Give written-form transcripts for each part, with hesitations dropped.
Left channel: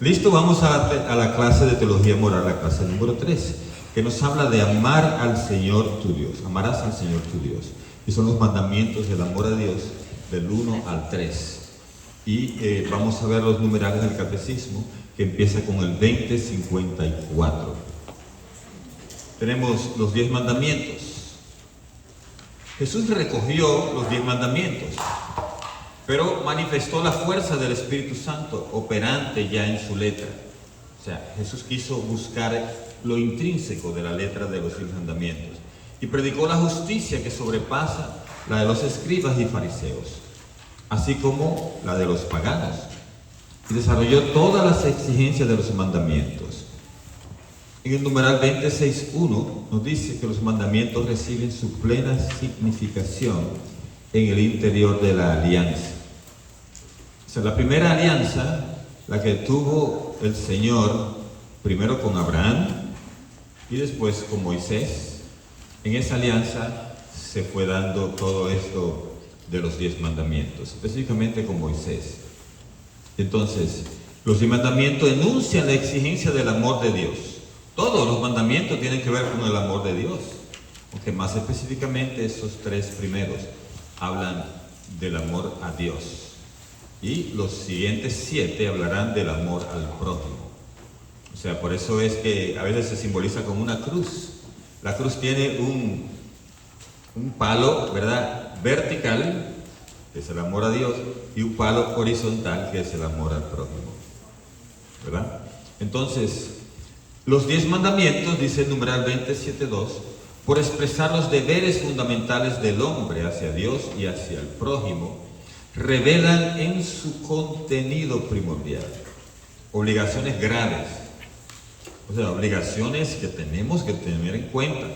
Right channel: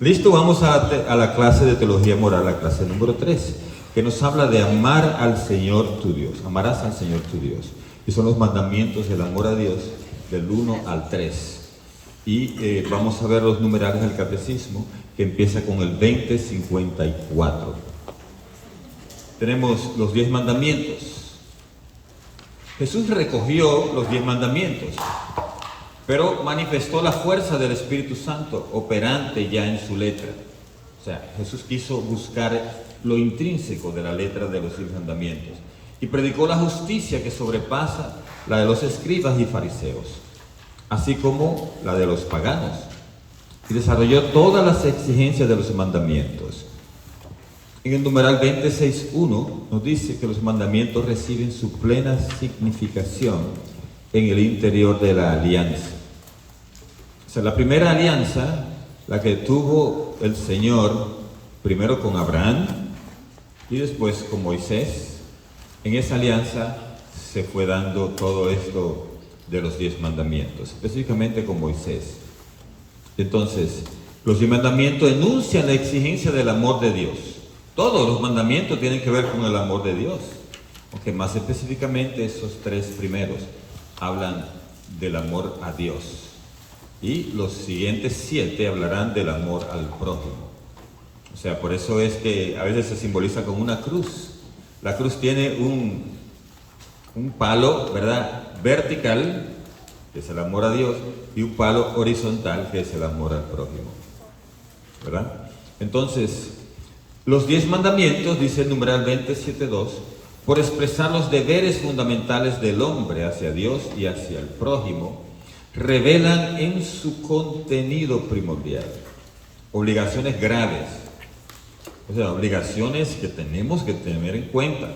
Listo, vamos a la clase de teología moral, la clase número 3, que nos habla de amar al Señor tu Dios. Amarás al Señor tu Dios. Y son los mandamientos del amor a Dios del 1 al 3. Y vamos a ver los numerales del catecismo, que empieza con el 2054. Tenemos los 10 mandamientos. Jesús recogió los 10 mandamientos, pero manifestó la fuerza del Espíritu Santo operante ya en su letra. O sea, Jesús quiso buscar lo intrínseco de la letra de los 10 mandamientos y predicó la justicia que sobrepasa la de los escribas y fariseos, así como la de los paganos, y desarrolló todas las exigencias de los mandamientos. En el numeral 26.1 nos dice que los mandamientos reciben su plena significación en el interior de la alianza. O sea, la primera alianza, la que tuvo el Señor primero con Abraham y después con Moisés, en esa alianza se fue dando todo esto de los 10 mandamientos, específicamente con Moisés. Entonces, los 10 mandamientos enuncian la exigencia del amor de Dios. Todos los mandamientos tienen que ver con el amor de Dios, aunque más específicamente esos 3 primeros hablan del amor a Dios. Y los siguientes 7 hablarán del amor al prójimo. O sea, por eso es que a veces se simboliza con una cruz. La cruz tiene un palo, ¿verdad?, vertical, que es el amor a Dios, y un palo horizontal, que es el amor al prójimo, ¿verdad? Entonces, los 10 mandamientos, dice el numeral 27.2, por expresar los deberes fundamentales del hombre hacia Dios y hacia el prójimo, revelan en su contenido primordial obligaciones graves, o sea, obligaciones que tenemos que tener en cuenta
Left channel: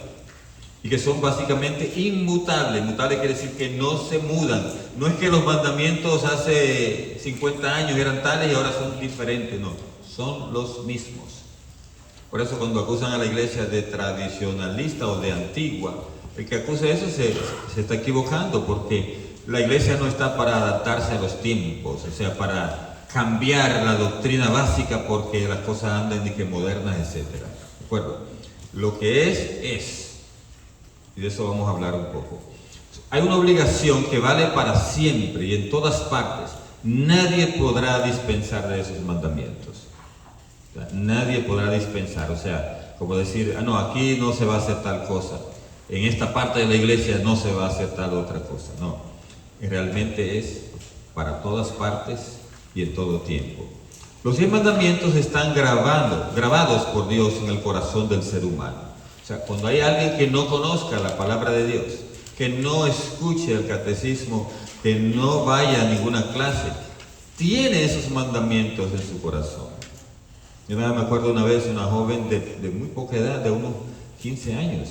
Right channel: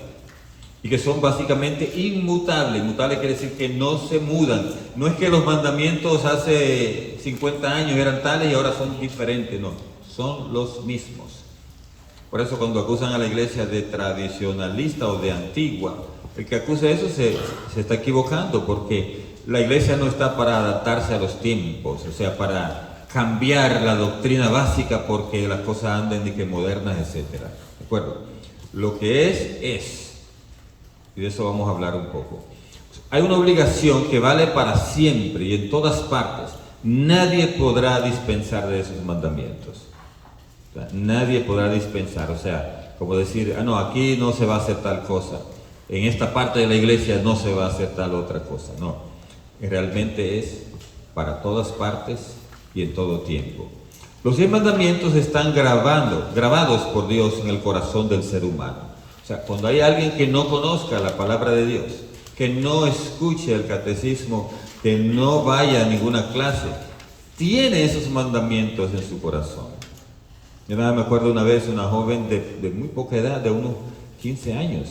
y que son básicamente inmutables. Inmutable quiere decir que no se mudan. No es que los mandamientos hace 50 años eran tales y ahora son diferentes, no, son los mismos. Por eso cuando acusan a la iglesia de tradicionalista o de antigua, el que acusa eso se está equivocando, porque la iglesia no está para adaptarse a los tiempos, o sea, para cambiar la doctrina básica porque las cosas anden de que modernas, etc. ¿De acuerdo? Lo que es, y de eso vamos a hablar un poco. Hay una obligación que vale para siempre y en todas partes. Nadie podrá dispensar de esos mandamientos. O sea, nadie podrá dispensar, o sea, como decir, no, aquí no se va a hacer tal cosa, en esta parte de la iglesia no se va a hacer tal otra cosa, no, realmente es para todas partes y en todo tiempo. Los 10 mandamientos están grabados por Dios en el corazón del ser humano. O sea, cuando hay alguien que no conozca la palabra de Dios, que no escuche el catecismo, que no vaya a ninguna clase, tiene esos mandamientos en su corazón. Yo nada me acuerdo una vez una joven de muy poca edad, de unos 15 años,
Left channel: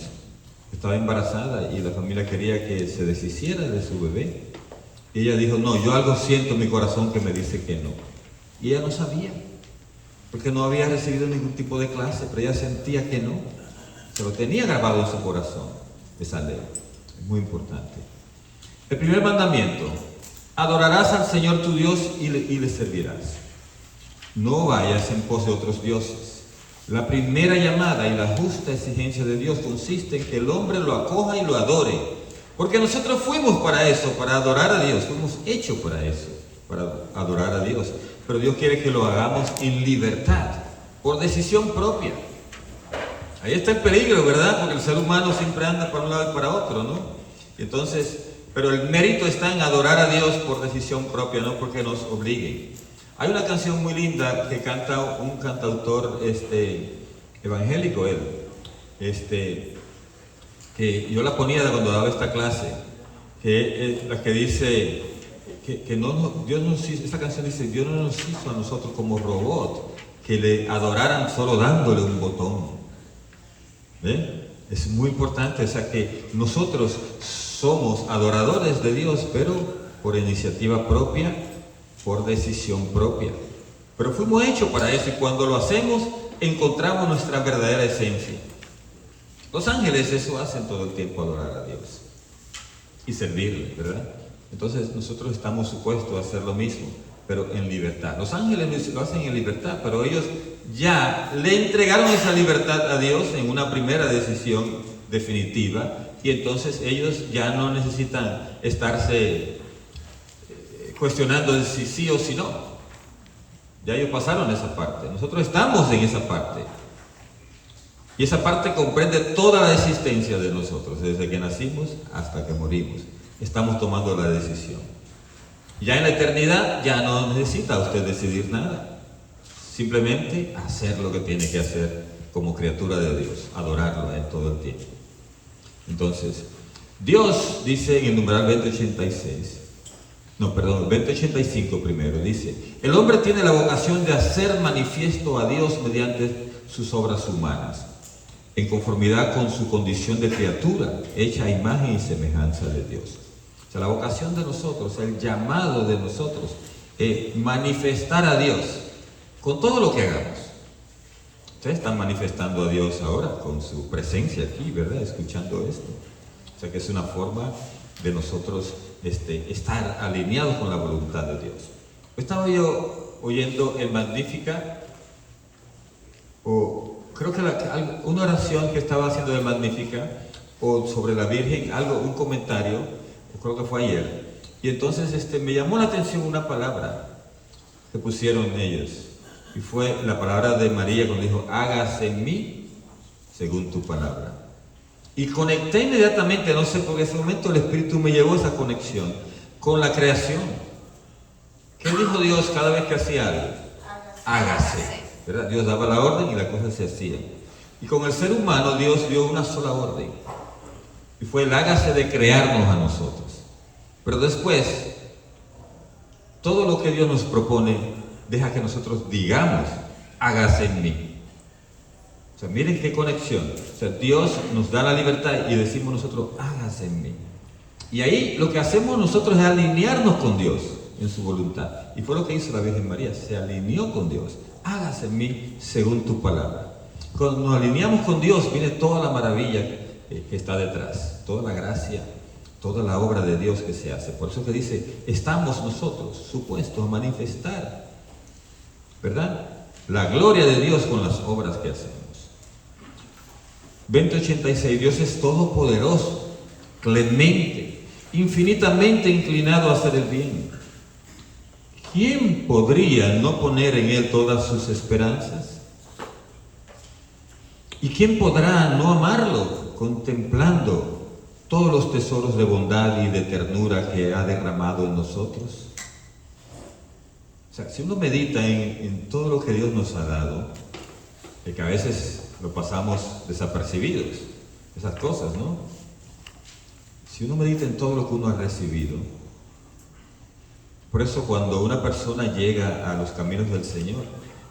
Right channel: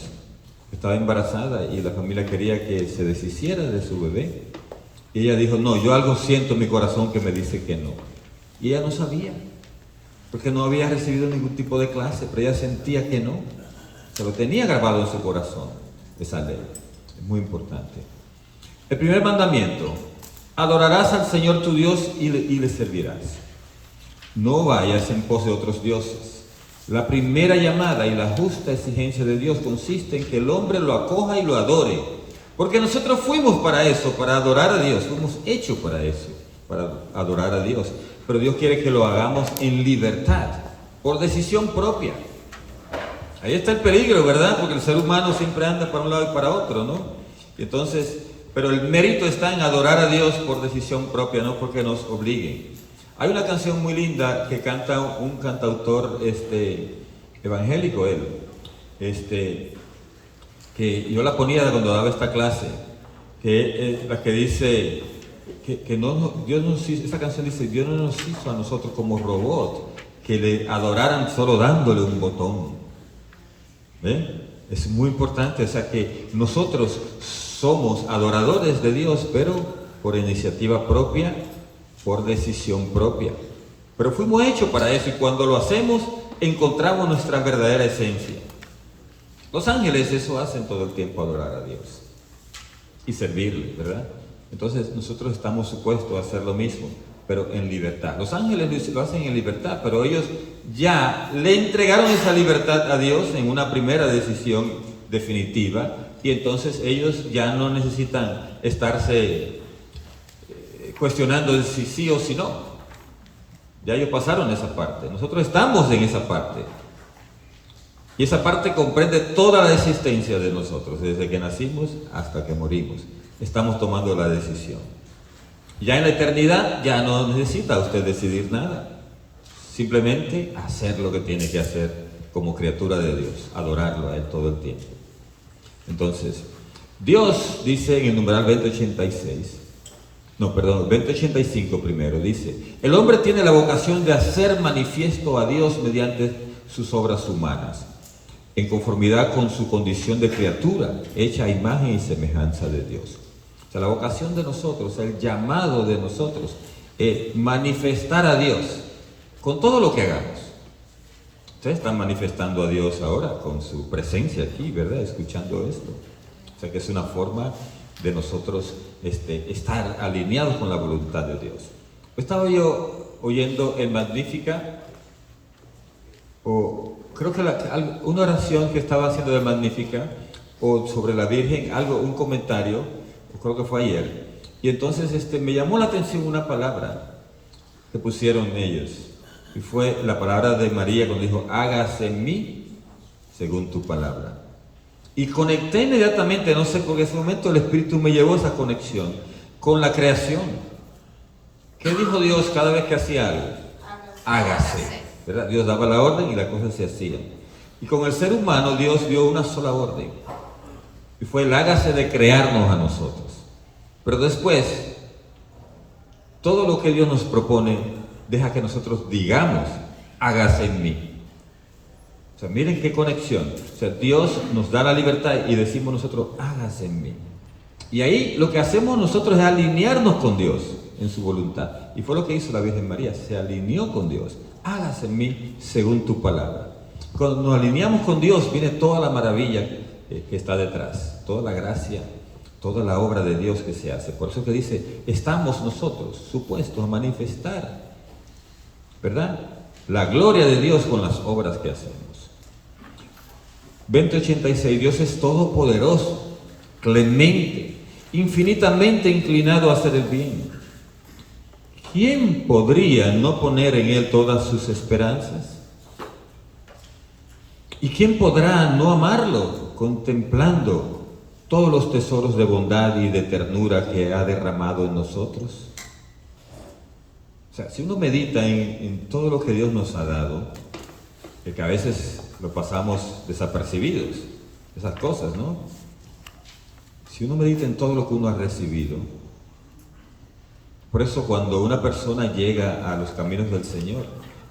estaba embarazada y la familia quería que se deshiciera de su bebé. Y ella dijo, no, yo algo siento en mi corazón que me dice que no. Y ella no sabía, porque no había recibido ningún tipo de clase, pero ella sentía que no. Se lo tenía grabado en su corazón, esa ley. Es muy importante. El primer mandamiento, adorarás al Señor tu Dios y le servirás. No vayas en pos de otros dioses. La primera llamada y la justa exigencia de Dios consiste en que el hombre lo acoja y lo adore. Porque nosotros fuimos para eso, para adorar a Dios. Fuimos hechos para eso, para adorar a Dios. Pero Dios quiere que lo hagamos en libertad, por decisión propia. Ahí está el peligro, ¿verdad? Porque el ser humano siempre anda para un lado y para otro, ¿no? Y entonces, pero el mérito está en adorar a Dios por decisión propia, no porque nos obliguen. Hay una canción muy linda que canta un cantautor evangélico, que yo la ponía cuando daba esta clase, que es la que dice que Dios nos hizo, esta canción dice, Dios no nos hizo a nosotros como robot, que le adoraran solo dándole un botón. ¿Ven? Es muy importante, o sea que nosotros somos adoradores de Dios, pero por iniciativa propia, por decisión propia. Pero fuimos hechos para eso y cuando lo hacemos encontramos nuestra verdadera esencia. Los ángeles eso hacen todo el tiempo, adorar a Dios y servirle, ¿verdad? Entonces nosotros estamos supuestos a hacer lo mismo. pero en libertad. Los ángeles lo hacen en libertad, pero ellos ya le entregaron esa libertad a Dios en una primera decisión definitiva, y entonces ellos ya no necesitan estarse cuestionando si sí o si no. Ya ellos pasaron esa parte. Nosotros estamos en esa parte. Y esa parte comprende toda la existencia de nosotros, desde que nacimos hasta que morimos. Estamos tomando la decisión. Ya en la eternidad ya no necesita usted decidir nada. Simplemente hacer lo que tiene que hacer como criatura de Dios, adorarlo a Él todo el tiempo. Entonces, Dios dice en el numeral 2085 primero, dice: el hombre tiene la vocación de hacer manifiesto a Dios mediante sus obras humanas, en conformidad con su condición de criatura, hecha a imagen y semejanza de Dios. O sea, la vocación de nosotros, el llamado de nosotros, es manifestar a Dios con todo lo que hagamos. Ustedes están manifestando a Dios ahora con su presencia aquí, ¿verdad? Escuchando esto. O sea que es una forma de nosotros estar alineados con la voluntad de Dios. Estaba yo oyendo el Magnífica, o creo que una oración que estaba haciendo el Magnífica, o sobre la Virgen, un comentario, creo que fue ayer, y entonces me llamó la atención una palabra que pusieron ellos, y fue la palabra de María cuando dijo: hágase en mí según tu palabra. Y conecté inmediatamente, no sé por qué, en ese momento el Espíritu me llevó a esa conexión con la creación. ¿Qué dijo Dios cada vez que hacía algo? Hágase. ¿Verdad? Dios daba la orden y las cosas se hacían. Y con el ser humano Dios dio una sola orden, y fue el hágase de crearnos a nosotros. Pero después, todo lo que Dios nos propone, deja que nosotros digamos: hágase en mí. O sea, miren qué conexión. O sea, Dios nos da la libertad y decimos nosotros: hágase en mí. Y ahí lo que hacemos nosotros es alinearnos con Dios en su voluntad. Y fue lo que hizo la Virgen María, se alineó con Dios. Hágase en mí según tu palabra. Cuando nos alineamos con Dios, viene toda la maravilla que está detrás, toda la gracia, toda la obra de Dios que se hace. Por eso que dice: estamos nosotros supuestos a manifestar, ¿verdad?, la gloria de Dios con las obras que hacemos. 2086, Dios es todopoderoso, clemente, infinitamente inclinado a hacer el bien. ¿Quién podría no poner en Él todas sus esperanzas? ¿Y quién podrá no amarlo, contemplando todos los tesoros de bondad y de ternura que ha derramado en nosotros? O sea, si uno medita en todo lo que Dios nos ha dado, que a veces lo pasamos desapercibidos, esas cosas, ¿no? Si uno medita en todo lo que uno ha recibido, por eso cuando una persona llega a los caminos del Señor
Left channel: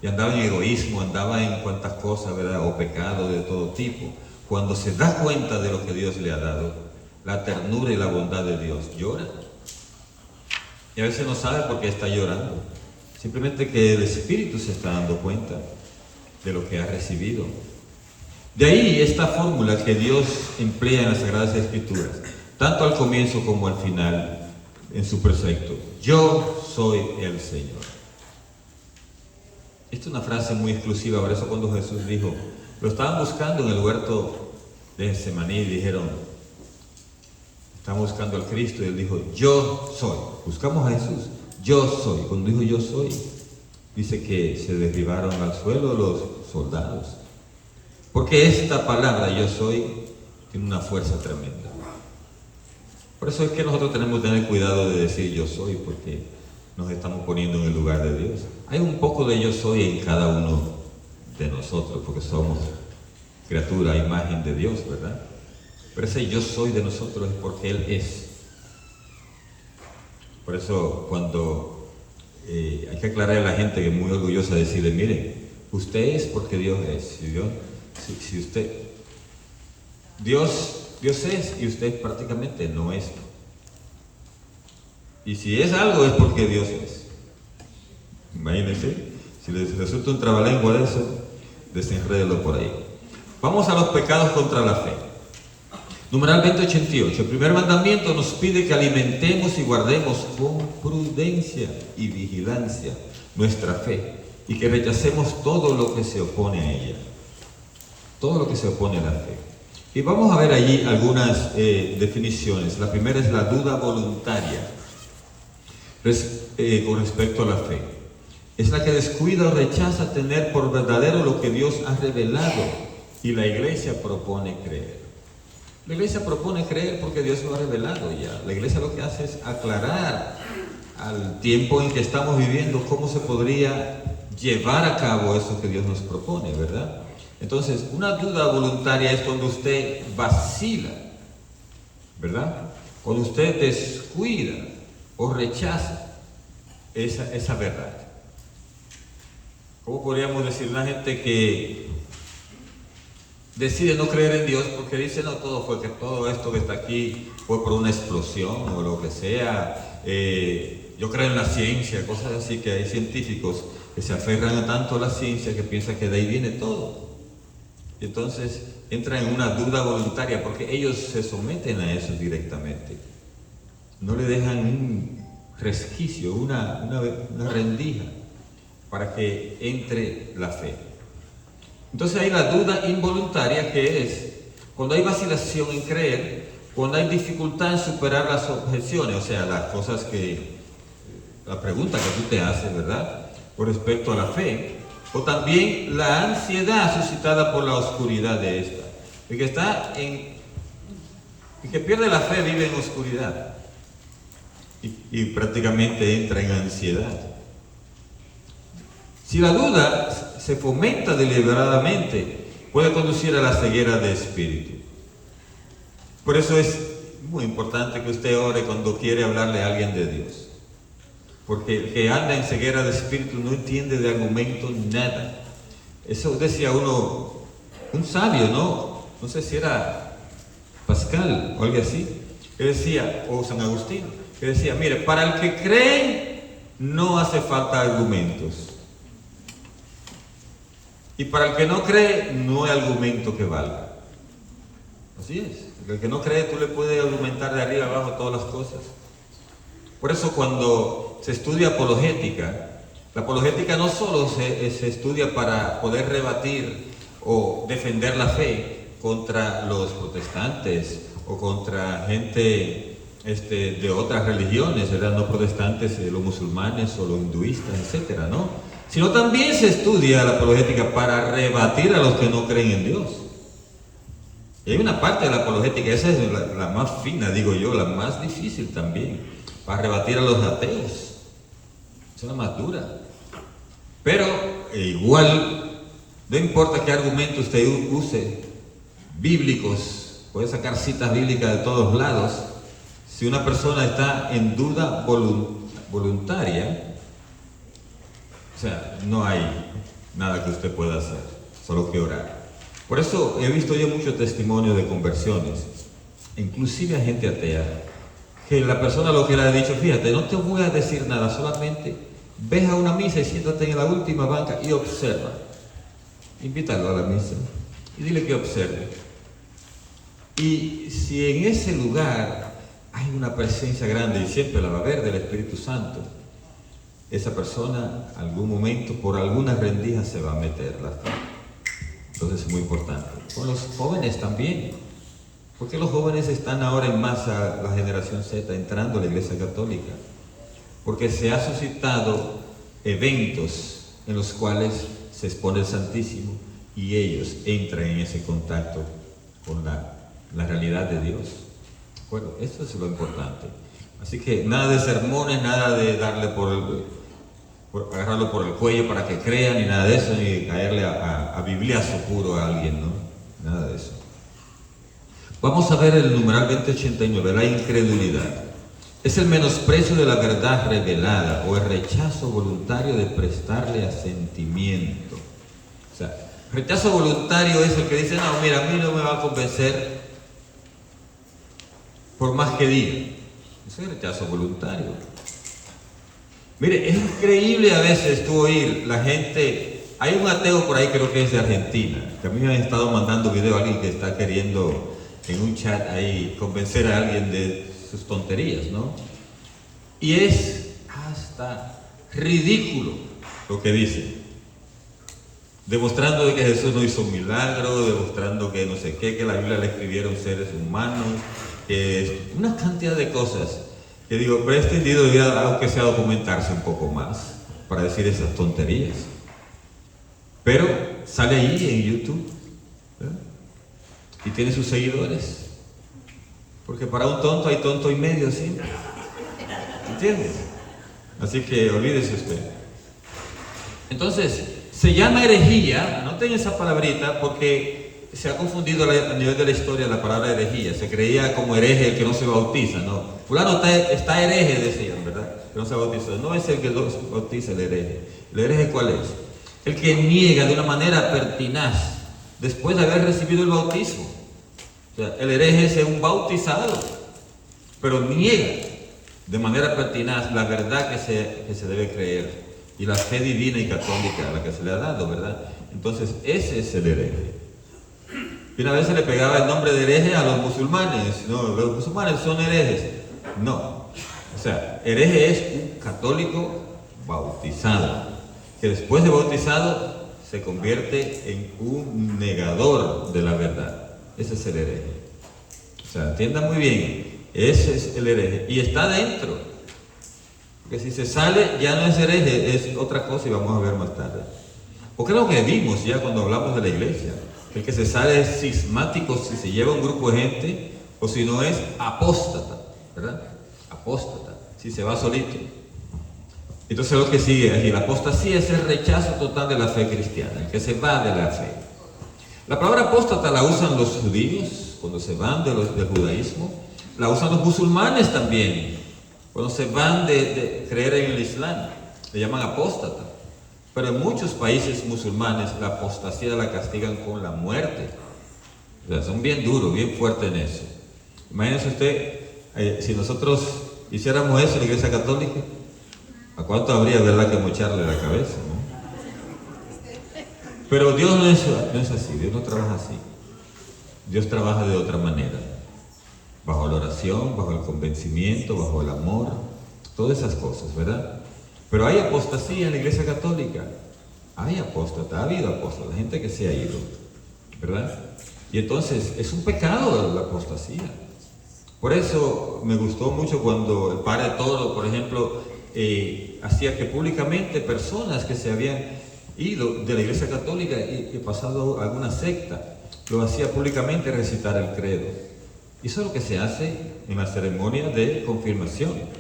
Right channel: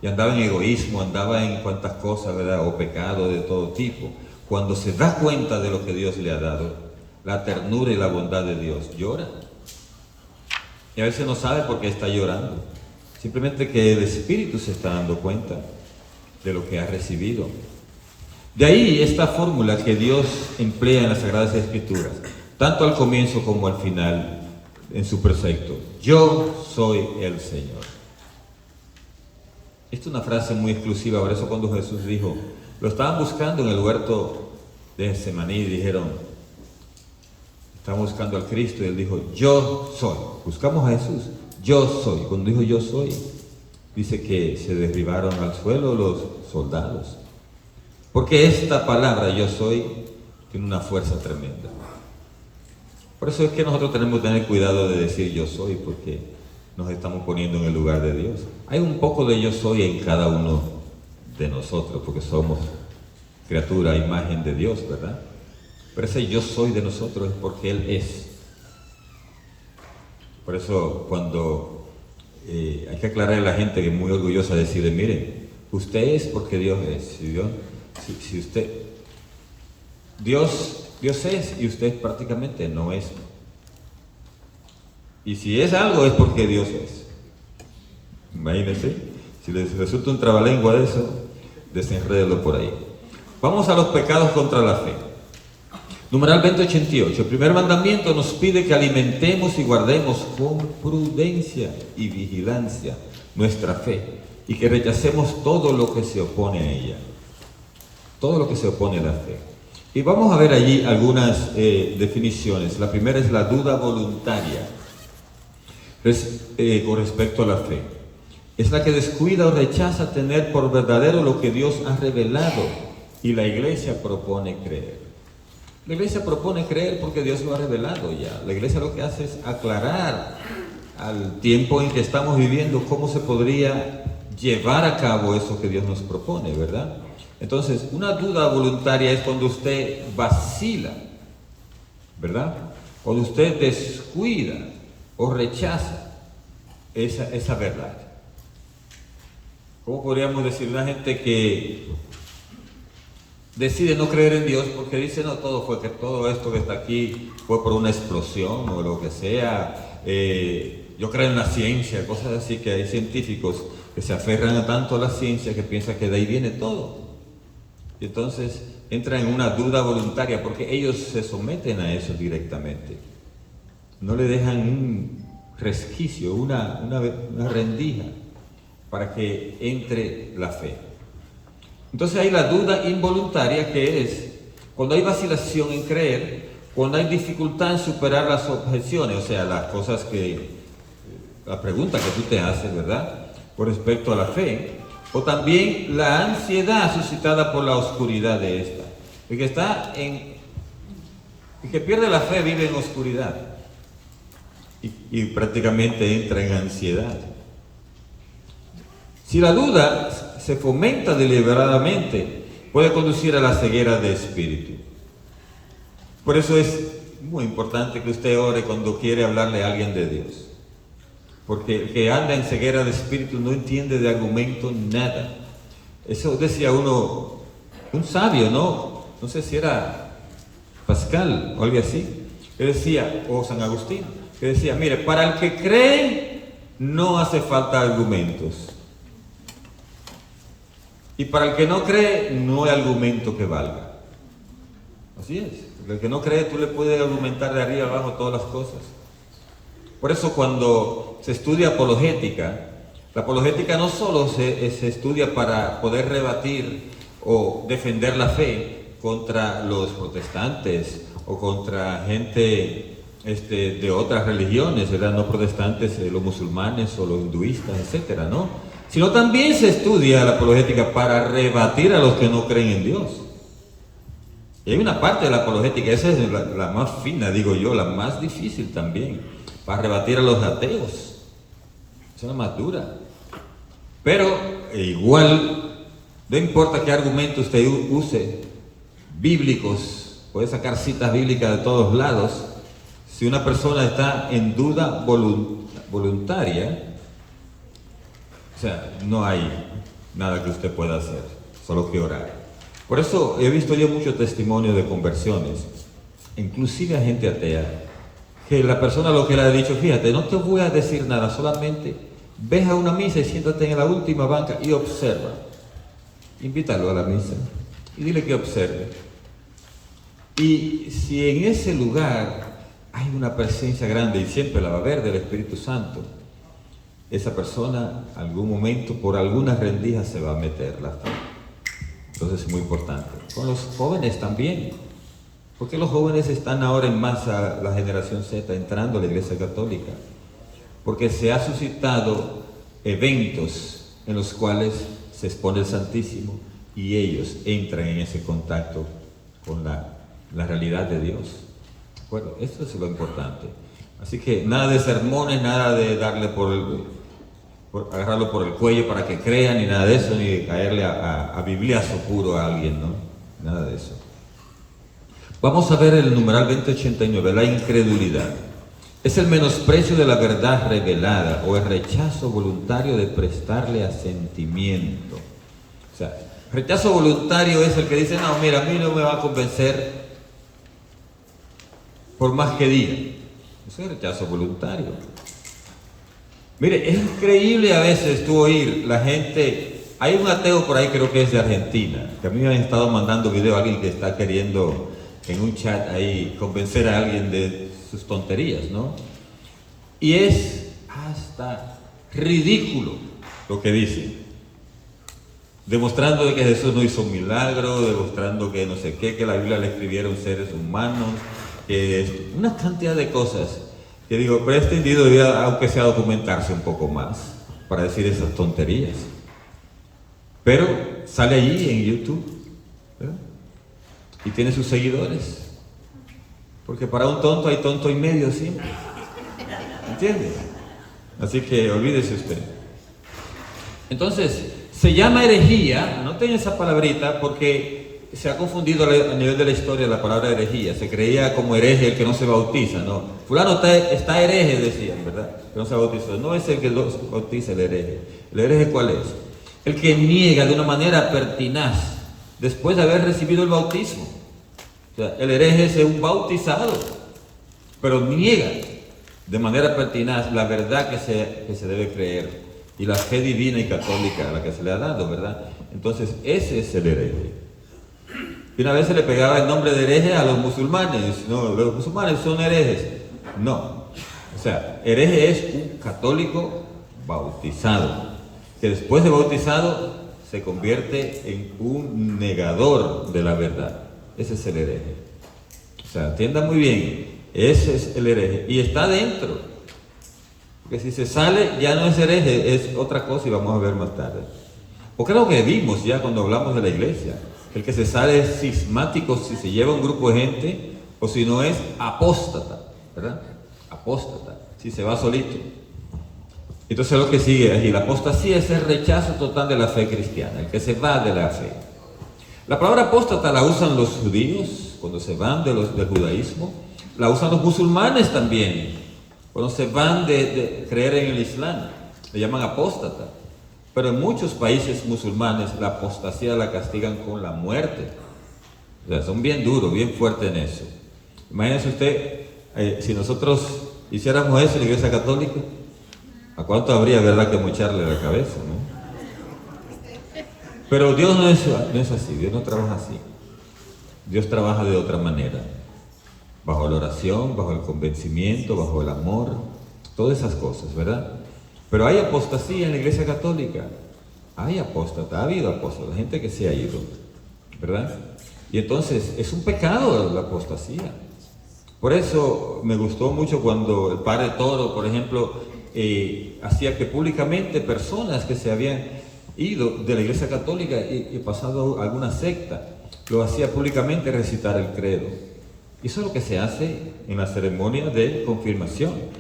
y andaba en egoísmo, andaba en cuantas cosas, ¿verdad?, o pecado de todo tipo, cuando se da cuenta de lo que Dios le ha dado, la ternura y la bondad de Dios, llora. Y a veces no sabe por qué está llorando, simplemente que el Espíritu se está dando cuenta de lo que ha recibido. De ahí esta fórmula que Dios emplea en las Sagradas Escrituras, tanto al comienzo como al final, en su precepto: yo soy el Señor. Esta es una frase muy exclusiva. Por eso cuando Jesús dijo, lo estaban buscando en el huerto de Getsemaní y dijeron: estaban buscando al Cristo, y Él dijo: yo soy. Buscamos a Jesús, yo soy. Cuando dijo yo soy, dice que se derribaron al suelo los soldados, porque esta palabra yo soy tiene una fuerza tremenda. Por eso es que nosotros tenemos que tener cuidado de decir yo soy, porque nos estamos poniendo en el lugar de Dios. Hay un poco de yo soy en cada uno de nosotros, porque somos criatura, imagen de Dios, ¿verdad? Pero ese yo soy de nosotros es porque Él es. Por eso cuando hay que aclarar a la gente que es muy orgullosa de decirle: miren, usted es porque Dios es. Si usted, Dios es y usted prácticamente no es. Y si es algo es porque Dios es. Imagínense, si les resulta un trabalengua de eso, desenrédelo por ahí. Vamos a los pecados contra la fe. Numeral 2088. El primer mandamiento nos pide que alimentemos y guardemos con prudencia y vigilancia nuestra fe y que rechacemos todo lo que se opone a ella. Todo lo que se opone a la fe. Y vamos a ver allí algunas definiciones. La primera es la duda voluntaria con respecto a la fe. Es la que descuida o rechaza tener por verdadero lo que Dios ha revelado y la iglesia propone creer. La iglesia propone creer porque Dios lo ha revelado ya. La iglesia lo que hace es aclarar al tiempo en que estamos viviendo cómo se podría llevar a cabo eso que Dios nos propone, ¿verdad? Entonces, una duda voluntaria es cuando usted vacila, ¿verdad? Cuando usted descuida o rechaza esa verdad. ¿Cómo podríamos decir? Una gente que decide no creer en Dios porque dice, no, todo esto que está aquí fue por una explosión o lo que sea. Yo creo en la ciencia, cosas así, que hay científicos que se aferran tanto a la ciencia que piensan que de ahí viene todo. Y entonces entran en una duda voluntaria porque ellos se someten a eso directamente. No le dejan un resquicio, una rendija para que entre la fe. Entonces hay la duda involuntaria, que es cuando hay vacilación en creer, cuando hay dificultad en superar las objeciones, o sea, las cosas la pregunta que tú te haces, ¿verdad?, con respecto a la fe, o también la ansiedad suscitada por la oscuridad de esta. El que pierde la fe vive en oscuridad y prácticamente entra en ansiedad. Si la duda se fomenta deliberadamente, puede conducir a la ceguera de espíritu. Por eso es muy importante que usted ore cuando quiere hablarle a alguien de Dios. Porque el que anda en ceguera de espíritu no entiende de argumento nada. Eso decía un sabio, ¿no? No sé si era Pascal o algo así, que decía, o San Agustín, que decía, mire, para el que cree no hace falta argumentos. Y para el que no cree, no hay argumento que valga. Así es. Porque el que no cree, tú le puedes argumentar de arriba abajo todas las cosas. Por eso cuando se estudia apologética, la apologética no solo se estudia para poder rebatir o defender la fe contra los protestantes o contra gente de otras religiones, ¿verdad? No protestantes, los musulmanes o los hinduistas, etcétera, ¿no? Sino también se estudia la apologética para rebatir a los que no creen en Dios. Y hay una parte de la apologética, esa es la más fina, digo yo, la más difícil también, para rebatir a los ateos. Esa es la más dura. Pero igual, no importa qué argumento usted use, bíblicos, puede sacar citas bíblicas de todos lados, si una persona está en duda voluntaria, o sea, no hay nada que usted pueda hacer, solo que orar. Por eso he visto yo muchos testimonios de conversiones, inclusive a gente atea, que la persona lo que le ha dicho, fíjate, no te voy a decir nada, solamente ves a una misa y siéntate en la última banca y observa. Invítalo a la misa y dile que observe. Y si en ese lugar hay una presencia grande, y siempre la va a haber, del Espíritu Santo, esa persona, algún momento, por alguna rendija se va a meter la fe. Entonces es muy importante. Con los jóvenes también. ¿Por qué los jóvenes están ahora en masa, la generación Z, entrando a la Iglesia Católica? Porque se ha suscitado eventos en los cuales se expone el Santísimo y ellos entran en ese contacto con la realidad de Dios. Bueno, eso es lo importante. Así que nada de sermones, nada de darle agarrarlo por el cuello para que crean, ni nada de eso, ni caerle a bibliazo puro a alguien, ¿no? Nada de eso. Vamos a ver el numeral 2089, la incredulidad. Es el menosprecio de la verdad revelada o el rechazo voluntario de prestarle asentimiento. O sea, rechazo voluntario es el que dice, no, mira, a mí no me va a convencer por más que diga. Eso es rechazo voluntario. Mire, es increíble a veces tú oír la gente. Hay un ateo por ahí, creo que es de Argentina, que a mí me han estado mandando video a alguien que está queriendo en un chat ahí convencer a alguien de sus tonterías, ¿no? Y es hasta ridículo lo que dice, demostrando de que Jesús no hizo un milagro, demostrando que no sé qué, que la Biblia le escribieron seres humanos, una cantidad de cosas que digo, pero este individuo aunque sea documentarse un poco más para decir esas tonterías. Pero sale allí en YouTube, ¿verdad? Y tiene sus seguidores. Porque para un tonto hay tonto y medio siempre. ¿Entiendes? Así que olvídese usted. Entonces, se llama herejía, anoten esa palabrita porque se ha confundido a nivel de la historia la palabra herejía. Se creía como hereje el que no se bautiza, ¿no? Fulano está hereje, decían, ¿verdad? Que no se bautizó. No es el que lo bautiza el hereje. ¿El hereje cuál es? El que niega de una manera pertinaz después de haber recibido el bautismo. O sea, el hereje es un bautizado, pero niega de manera pertinaz la verdad que se debe creer y la fe divina y católica a la que se le ha dado, ¿verdad? Entonces, ese es el hereje. Y una vez se le pegaba el nombre de hereje a los musulmanes. No, los musulmanes son herejes. No. O sea, hereje es un católico bautizado, que después de bautizado se convierte en un negador de la verdad. Ese es el hereje. O sea, entienda muy bien, ese es el hereje. Y está dentro. Porque si se sale, ya no es hereje, es otra cosa y vamos a ver más tarde. Porque es lo que vimos ya cuando hablamos de la iglesia. El que se sale es cismático si se lleva un grupo de gente, o si no es apóstata, ¿verdad? Apóstata, si se va solito. Entonces lo que sigue aquí, la apostasía es el rechazo total de la fe cristiana, el que se va de la fe. La palabra apóstata la usan los judíos cuando se van del judaísmo, la usan los musulmanes también, cuando se van de creer en el Islam, le llaman apóstata. Pero en muchos países musulmanes la apostasía la castigan con la muerte. O sea, son bien duros, bien fuertes en eso. Imagínese usted, si nosotros hiciéramos eso en la Iglesia Católica, ¿a cuánto habría, verdad, que mocharle la cabeza, ¿no? Pero Dios no es así, Dios no trabaja así. Dios trabaja de otra manera, bajo la oración, bajo el convencimiento, bajo el amor, todas esas cosas, ¿verdad? Pero hay apostasía en la Iglesia Católica, hay apóstata, ha habido apóstata, gente que se ha ido, ¿verdad? Y entonces es un pecado la apostasía. Por eso me gustó mucho cuando el padre Toro, por ejemplo, hacía que públicamente personas que se habían ido de la Iglesia Católica y pasado a alguna secta, lo hacía públicamente recitar el credo. Y eso es lo que se hace en la ceremonia de confirmación.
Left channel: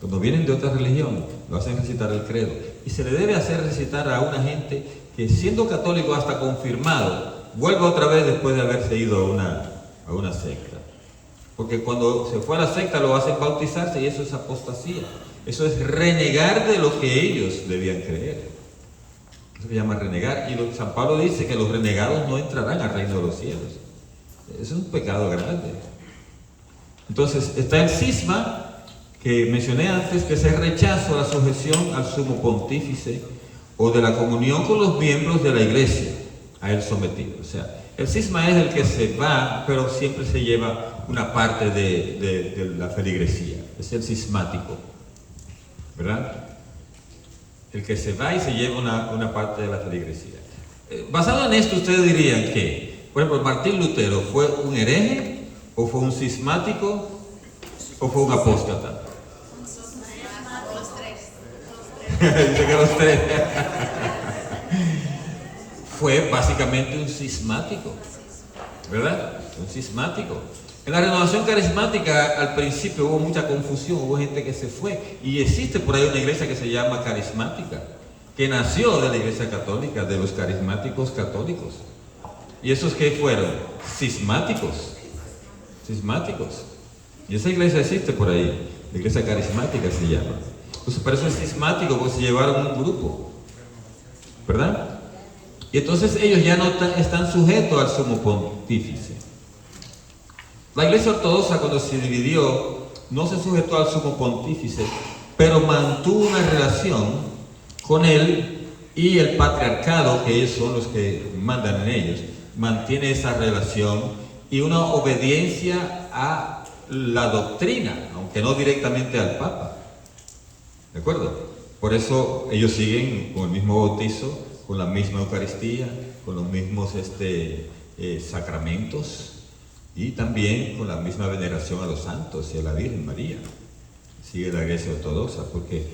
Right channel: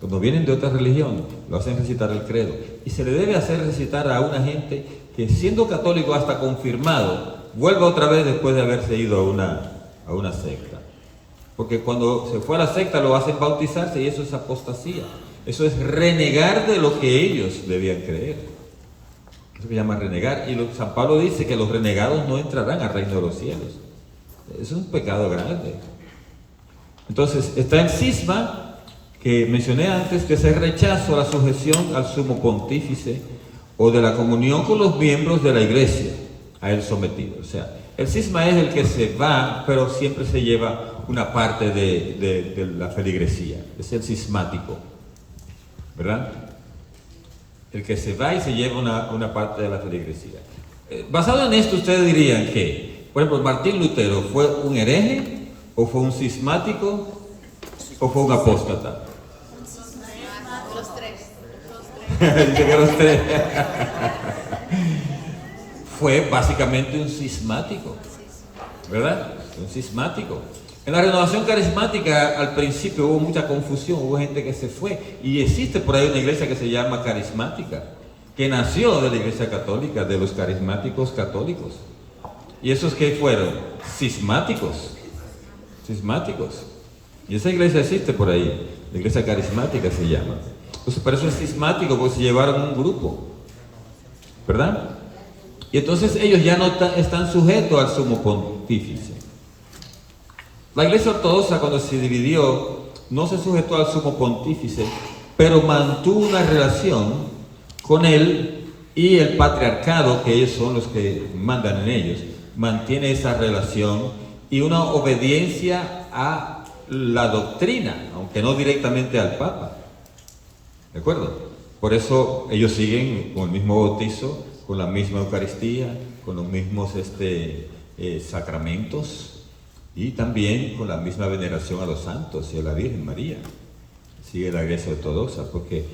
Cuando vienen de otra religión, lo hacen recitar el credo. Y se le debe hacer recitar a una gente que, siendo católico hasta confirmado, vuelva otra vez después de haberse ido a una secta. Porque cuando se fue a la secta lo hacen bautizarse y eso es apostasía. Eso es renegar de lo que ellos debían creer. Eso se llama renegar. Y San Pablo dice que los renegados no entrarán al reino de los cielos. Eso es un pecado grande. Entonces, está el cisma que mencioné antes, que es el rechazo a la sujeción al sumo pontífice o de la comunión con los miembros de la iglesia, a él sometido. O sea, el cisma es el que se va, pero siempre se lleva una parte de la feligresía. Es el cismático, ¿verdad? El que se va y se lleva una parte de la feligresía. Basado en esto, ustedes dirían que, por ejemplo, Martín Lutero, ¿fue un hereje? ¿O fue un cismático? ¿O fue un apóstata? Dice que los tres. Fue básicamente un cismático, ¿verdad? Un cismático. En la renovación carismática al principio hubo mucha confusión, hubo gente que se fue, y existe por ahí una iglesia que se llama carismática, que nació de la iglesia católica, de los carismáticos católicos. ¿Y esos qué fueron? Cismáticos. Y esa iglesia existe por ahí, la iglesia carismática se llama. Entonces, por eso es cismático, porque se llevaron un grupo, ¿verdad? Y entonces ellos ya no están sujetos al sumo pontífice. La iglesia ortodoxa, cuando se dividió, no se sujetó al sumo pontífice, pero mantuvo una relación con él y el patriarcado, que ellos son los que mandan en ellos, mantiene esa relación y una obediencia a la doctrina, aunque no directamente al Papa. ¿De acuerdo? Por eso ellos siguen con el mismo bautizo, con la misma Eucaristía, con los mismos sacramentos y también con la misma veneración a los santos y a la Virgen María. Sigue la Iglesia Ortodoxa, porque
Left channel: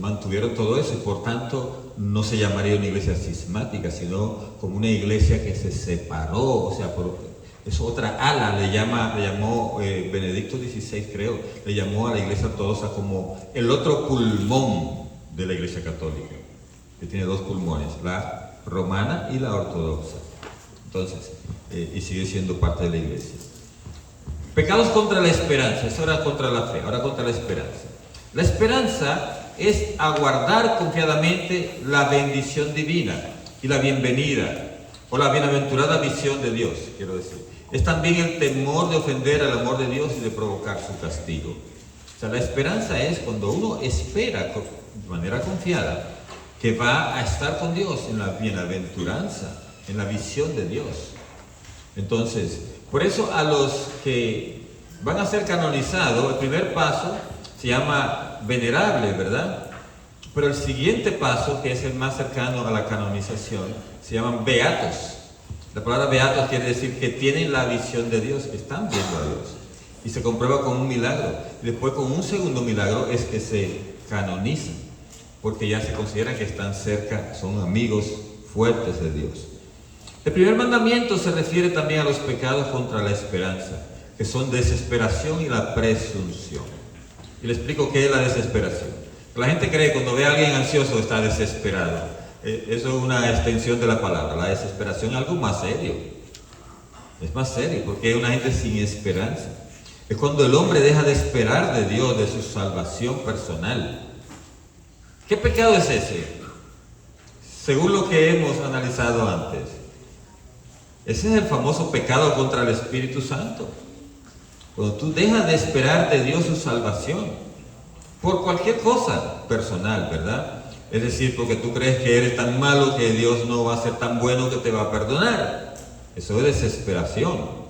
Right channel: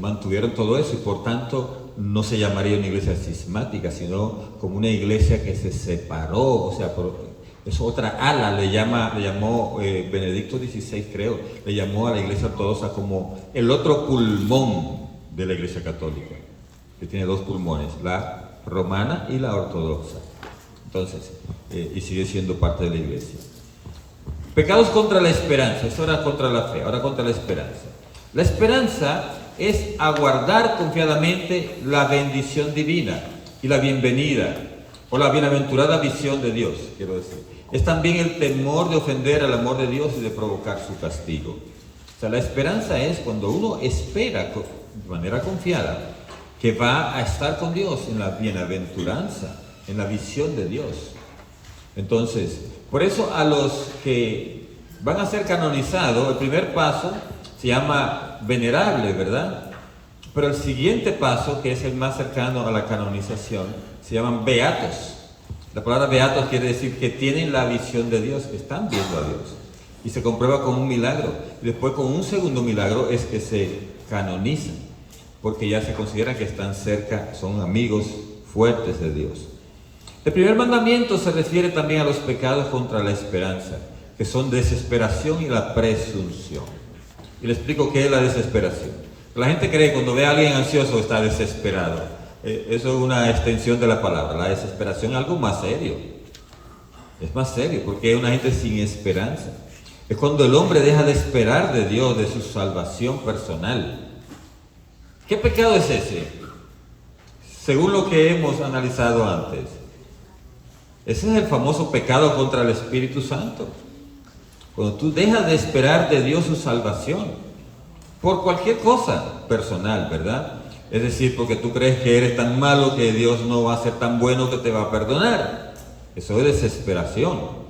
mantuvieron todo eso y por tanto no se llamaría una iglesia cismática, sino como una iglesia que se separó, o sea, es otra ala, le llamó Benedicto XVI, creo, le llamó a la Iglesia Ortodoxa como el otro pulmón de la Iglesia Católica, que tiene dos pulmones, la romana y la ortodoxa. Entonces, y sigue siendo parte de la Iglesia. Pecados contra la esperanza, eso era contra la fe, ahora contra la esperanza. La esperanza es aguardar confiadamente la bendición divina y la bienvenida, o la bienaventurada visión de Dios, quiero decir. Es también el temor de ofender al amor de Dios y de provocar su castigo. O sea, la esperanza es cuando uno espera de manera confiada que va a estar con Dios en la bienaventuranza, en la visión de Dios. Entonces, por eso a los que van a ser canonizados, el primer paso se llama venerable, ¿verdad? Pero el siguiente paso, que es el más cercano a la canonización, se llaman beatos. La palabra beatos quiere decir que tienen la visión de Dios, que están viendo a Dios. Y se comprueba con un milagro. Y después con un segundo milagro es que se canonizan, porque ya se considera que están cerca, son amigos fuertes de Dios. El primer mandamiento se refiere también a los pecados contra la esperanza, que son desesperación y la presunción. Y le explico qué es la desesperación. La gente cree que cuando ve a alguien ansioso está desesperado. Eso es una extensión de la palabra. La desesperación es algo más serio. Es más serio porque es una gente sin esperanza. Es cuando el hombre deja de esperar de Dios, de su salvación personal. ¿Qué pecado es ese? Según lo que hemos analizado antes, ese es el famoso pecado contra el Espíritu Santo. Cuando tú dejas de esperar de Dios su salvación, por cualquier cosa personal, ¿verdad? Es decir, porque tú crees que eres tan malo que Dios no va a ser tan bueno que te va a perdonar. Eso es desesperación.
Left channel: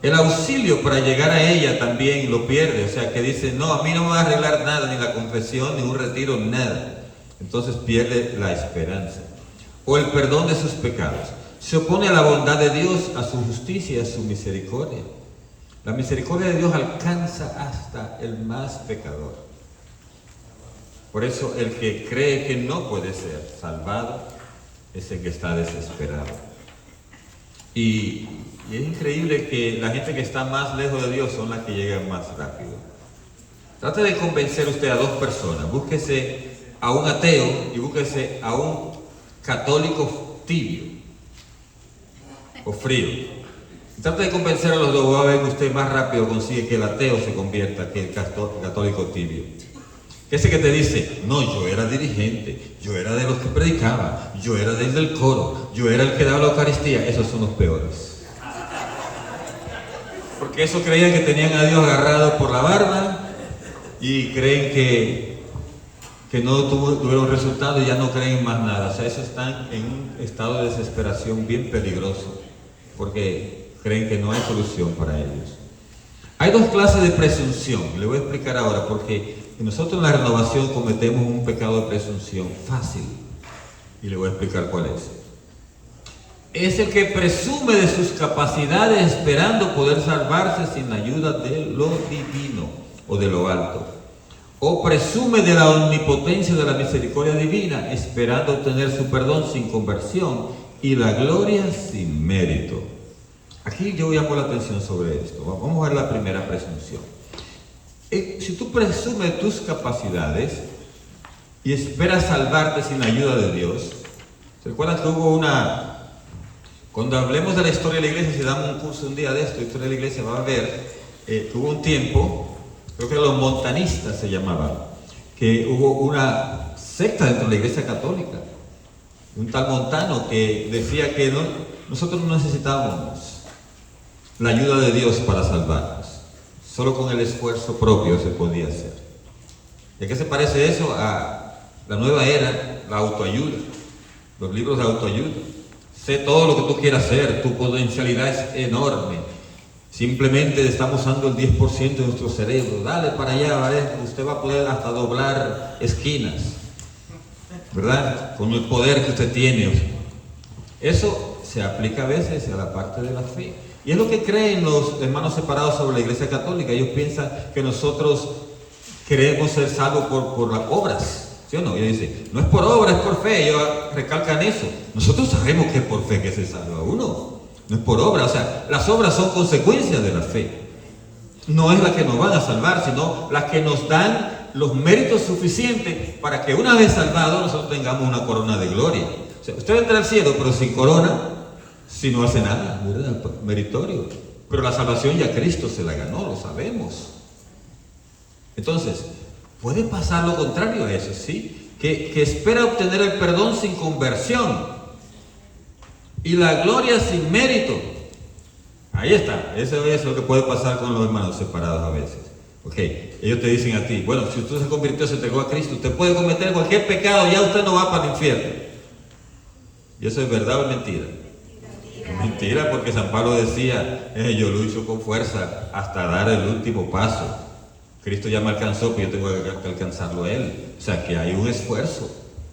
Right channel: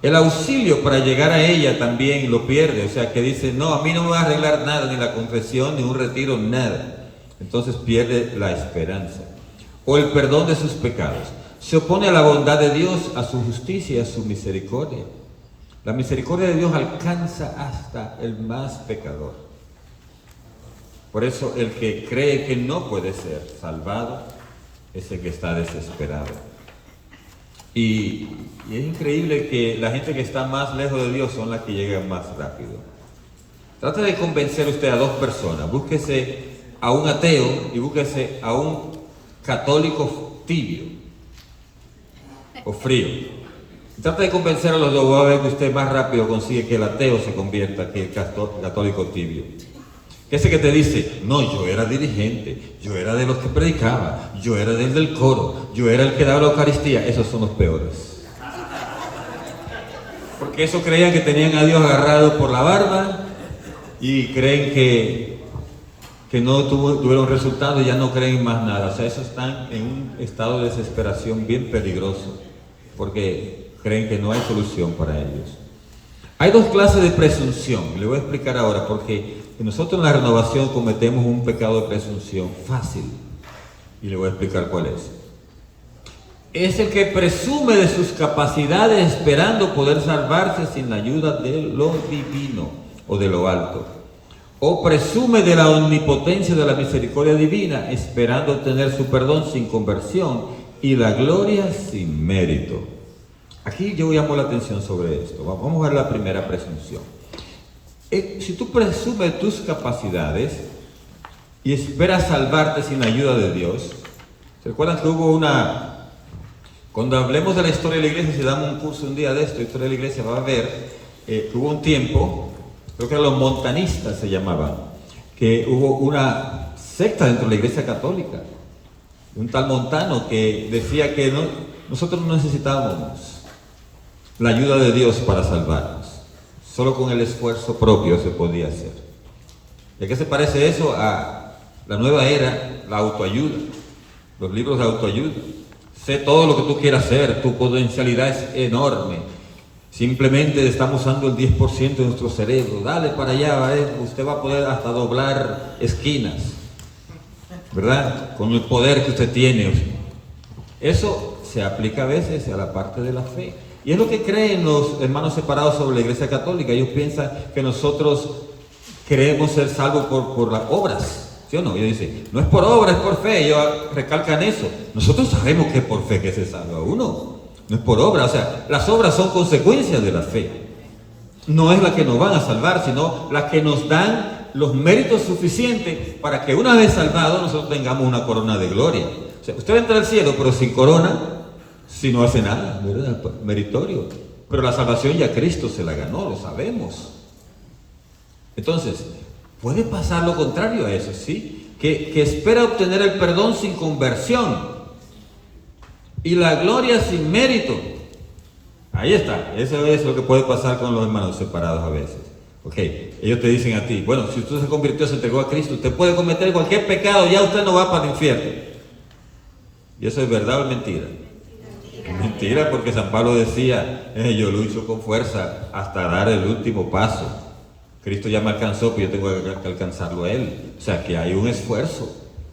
El auxilio para llegar a ella también lo pierde, o sea, que dice, no, a mí no me va a arreglar nada, ni la confesión, ni un retiro, nada. Entonces pierde la esperanza. O el perdón de sus pecados. Se opone a la bondad de Dios, a su justicia, a su misericordia. La misericordia de Dios alcanza hasta el más pecador. Por eso el que cree que no puede ser salvado es el que está desesperado. Y es increíble que la gente que está más lejos de Dios son las que llegan más rápido. Trate de convencer usted a dos personas. Búsquese a un ateo y búsquese a un católico tibio o frío. Trate de convencer a los dos, va a ver que usted más rápido consigue que el ateo se convierta que el católico tibio. Ese que te dice, no, yo era dirigente, yo era de los que predicaba, yo era del coro, yo era el que daba la Eucaristía, esos son los peores. Porque esos creían que tenían a Dios agarrado por la barba y creen que no tuvieron resultado y ya no creen en más nada. O sea, esos están en un estado de desesperación bien peligroso, porque creen que no hay solución para ellos. Hay dos clases de presunción, le voy a explicar ahora, porque nosotros en la renovación cometemos un pecado de presunción fácil, y le voy a explicar cuál es. Es el que presume de sus capacidades esperando poder salvarse sin la ayuda de lo divino o de lo alto. O presume de la omnipotencia de la misericordia divina esperando obtener su perdón sin conversión y la gloria sin mérito. Aquí yo llamo la atención sobre esto. Vamos a ver la primera presunción. Si tú presumes tus capacidades y esperas salvarte sin la ayuda de Dios, ¿se acuerdan que hubo cuando hablemos de la historia de la iglesia, si damos un curso un día de esto, la historia de la iglesia, va a ver que hubo un tiempo, creo que los montanistas se llamaban, que hubo una secta dentro de la iglesia católica, un tal Montano que decía que nosotros no necesitábamos la ayuda de Dios para salvarnos. Solo con el esfuerzo propio se podía hacer. ¿De qué se parece eso a la nueva era, la autoayuda? Los libros de autoayuda. sé todo lo que tú quieras hacer, tu potencialidad es enorme. Simplemente estamos usando el 10% de nuestro cerebro. Dale para allá, ¿vale? Usted va a poder hasta doblar esquinas, ¿verdad? Con el poder que usted tiene. Eso se aplica a veces a la parte de la fe. Y es lo que creen los hermanos separados sobre la Iglesia Católica. Ellos piensan que nosotros queremos ser salvos por las obras, ¿sí o no? Ellos dicen, no es por obra, es por fe. Ellos recalcan eso. Nosotros sabemos que es por fe que se salva uno, no es por obra. O sea, las obras son consecuencias de la fe. No es la que nos van a salvar, sino las que nos dan los méritos suficientes para que una vez salvados nosotros tengamos una corona de gloria. O sea, usted entra al cielo pero sin corona, si no hace nada, ¿verdad? Meritorio. Pero la salvación ya Cristo se la ganó, lo sabemos. Entonces, puede pasar lo contrario a eso, ¿sí? Que espera obtener el perdón sin conversión y la gloria sin mérito. Ahí está, eso es lo que puede pasar con los hermanos separados a veces. Ok, ellos te dicen a ti, bueno, si usted se convirtió, se entregó a Cristo, usted puede cometer cualquier pecado, ya usted no va para el infierno. ¿Y eso es verdad o es mentira? Mentira, porque San Pablo decía, yo lucho con fuerza hasta dar el último paso. Cristo ya me alcanzó, pero yo tengo que alcanzarlo a Él. O sea, que hay un esfuerzo,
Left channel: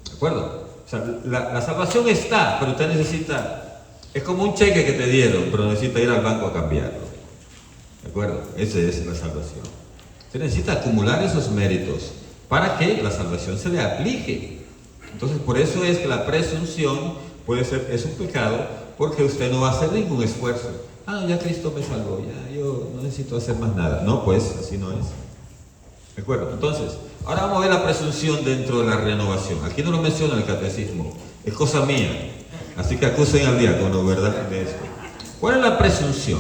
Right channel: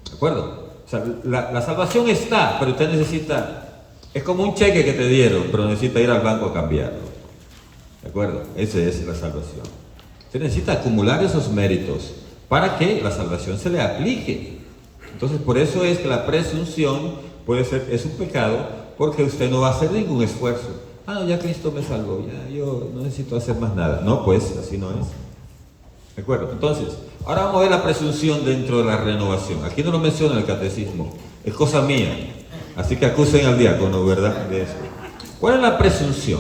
¿de acuerdo? O sea, la salvación está, pero usted necesita, es como un cheque que te dieron, pero necesita ir al banco a cambiarlo, ¿de acuerdo? Esa es la salvación. Usted necesita acumular esos méritos para que la salvación se le aplique. Entonces, por eso es que la presunción es un pecado, porque usted no va a hacer ningún esfuerzo. No, ya Cristo me salvó, ya yo no necesito hacer más nada. No, pues, así no es. ¿De acuerdo? Entonces, ahora vamos a ver la presunción dentro de la renovación. Aquí no lo menciona el catecismo, es cosa mía. Así que acusen al diácono, ¿verdad? De eso. ¿Cuál es la presunción?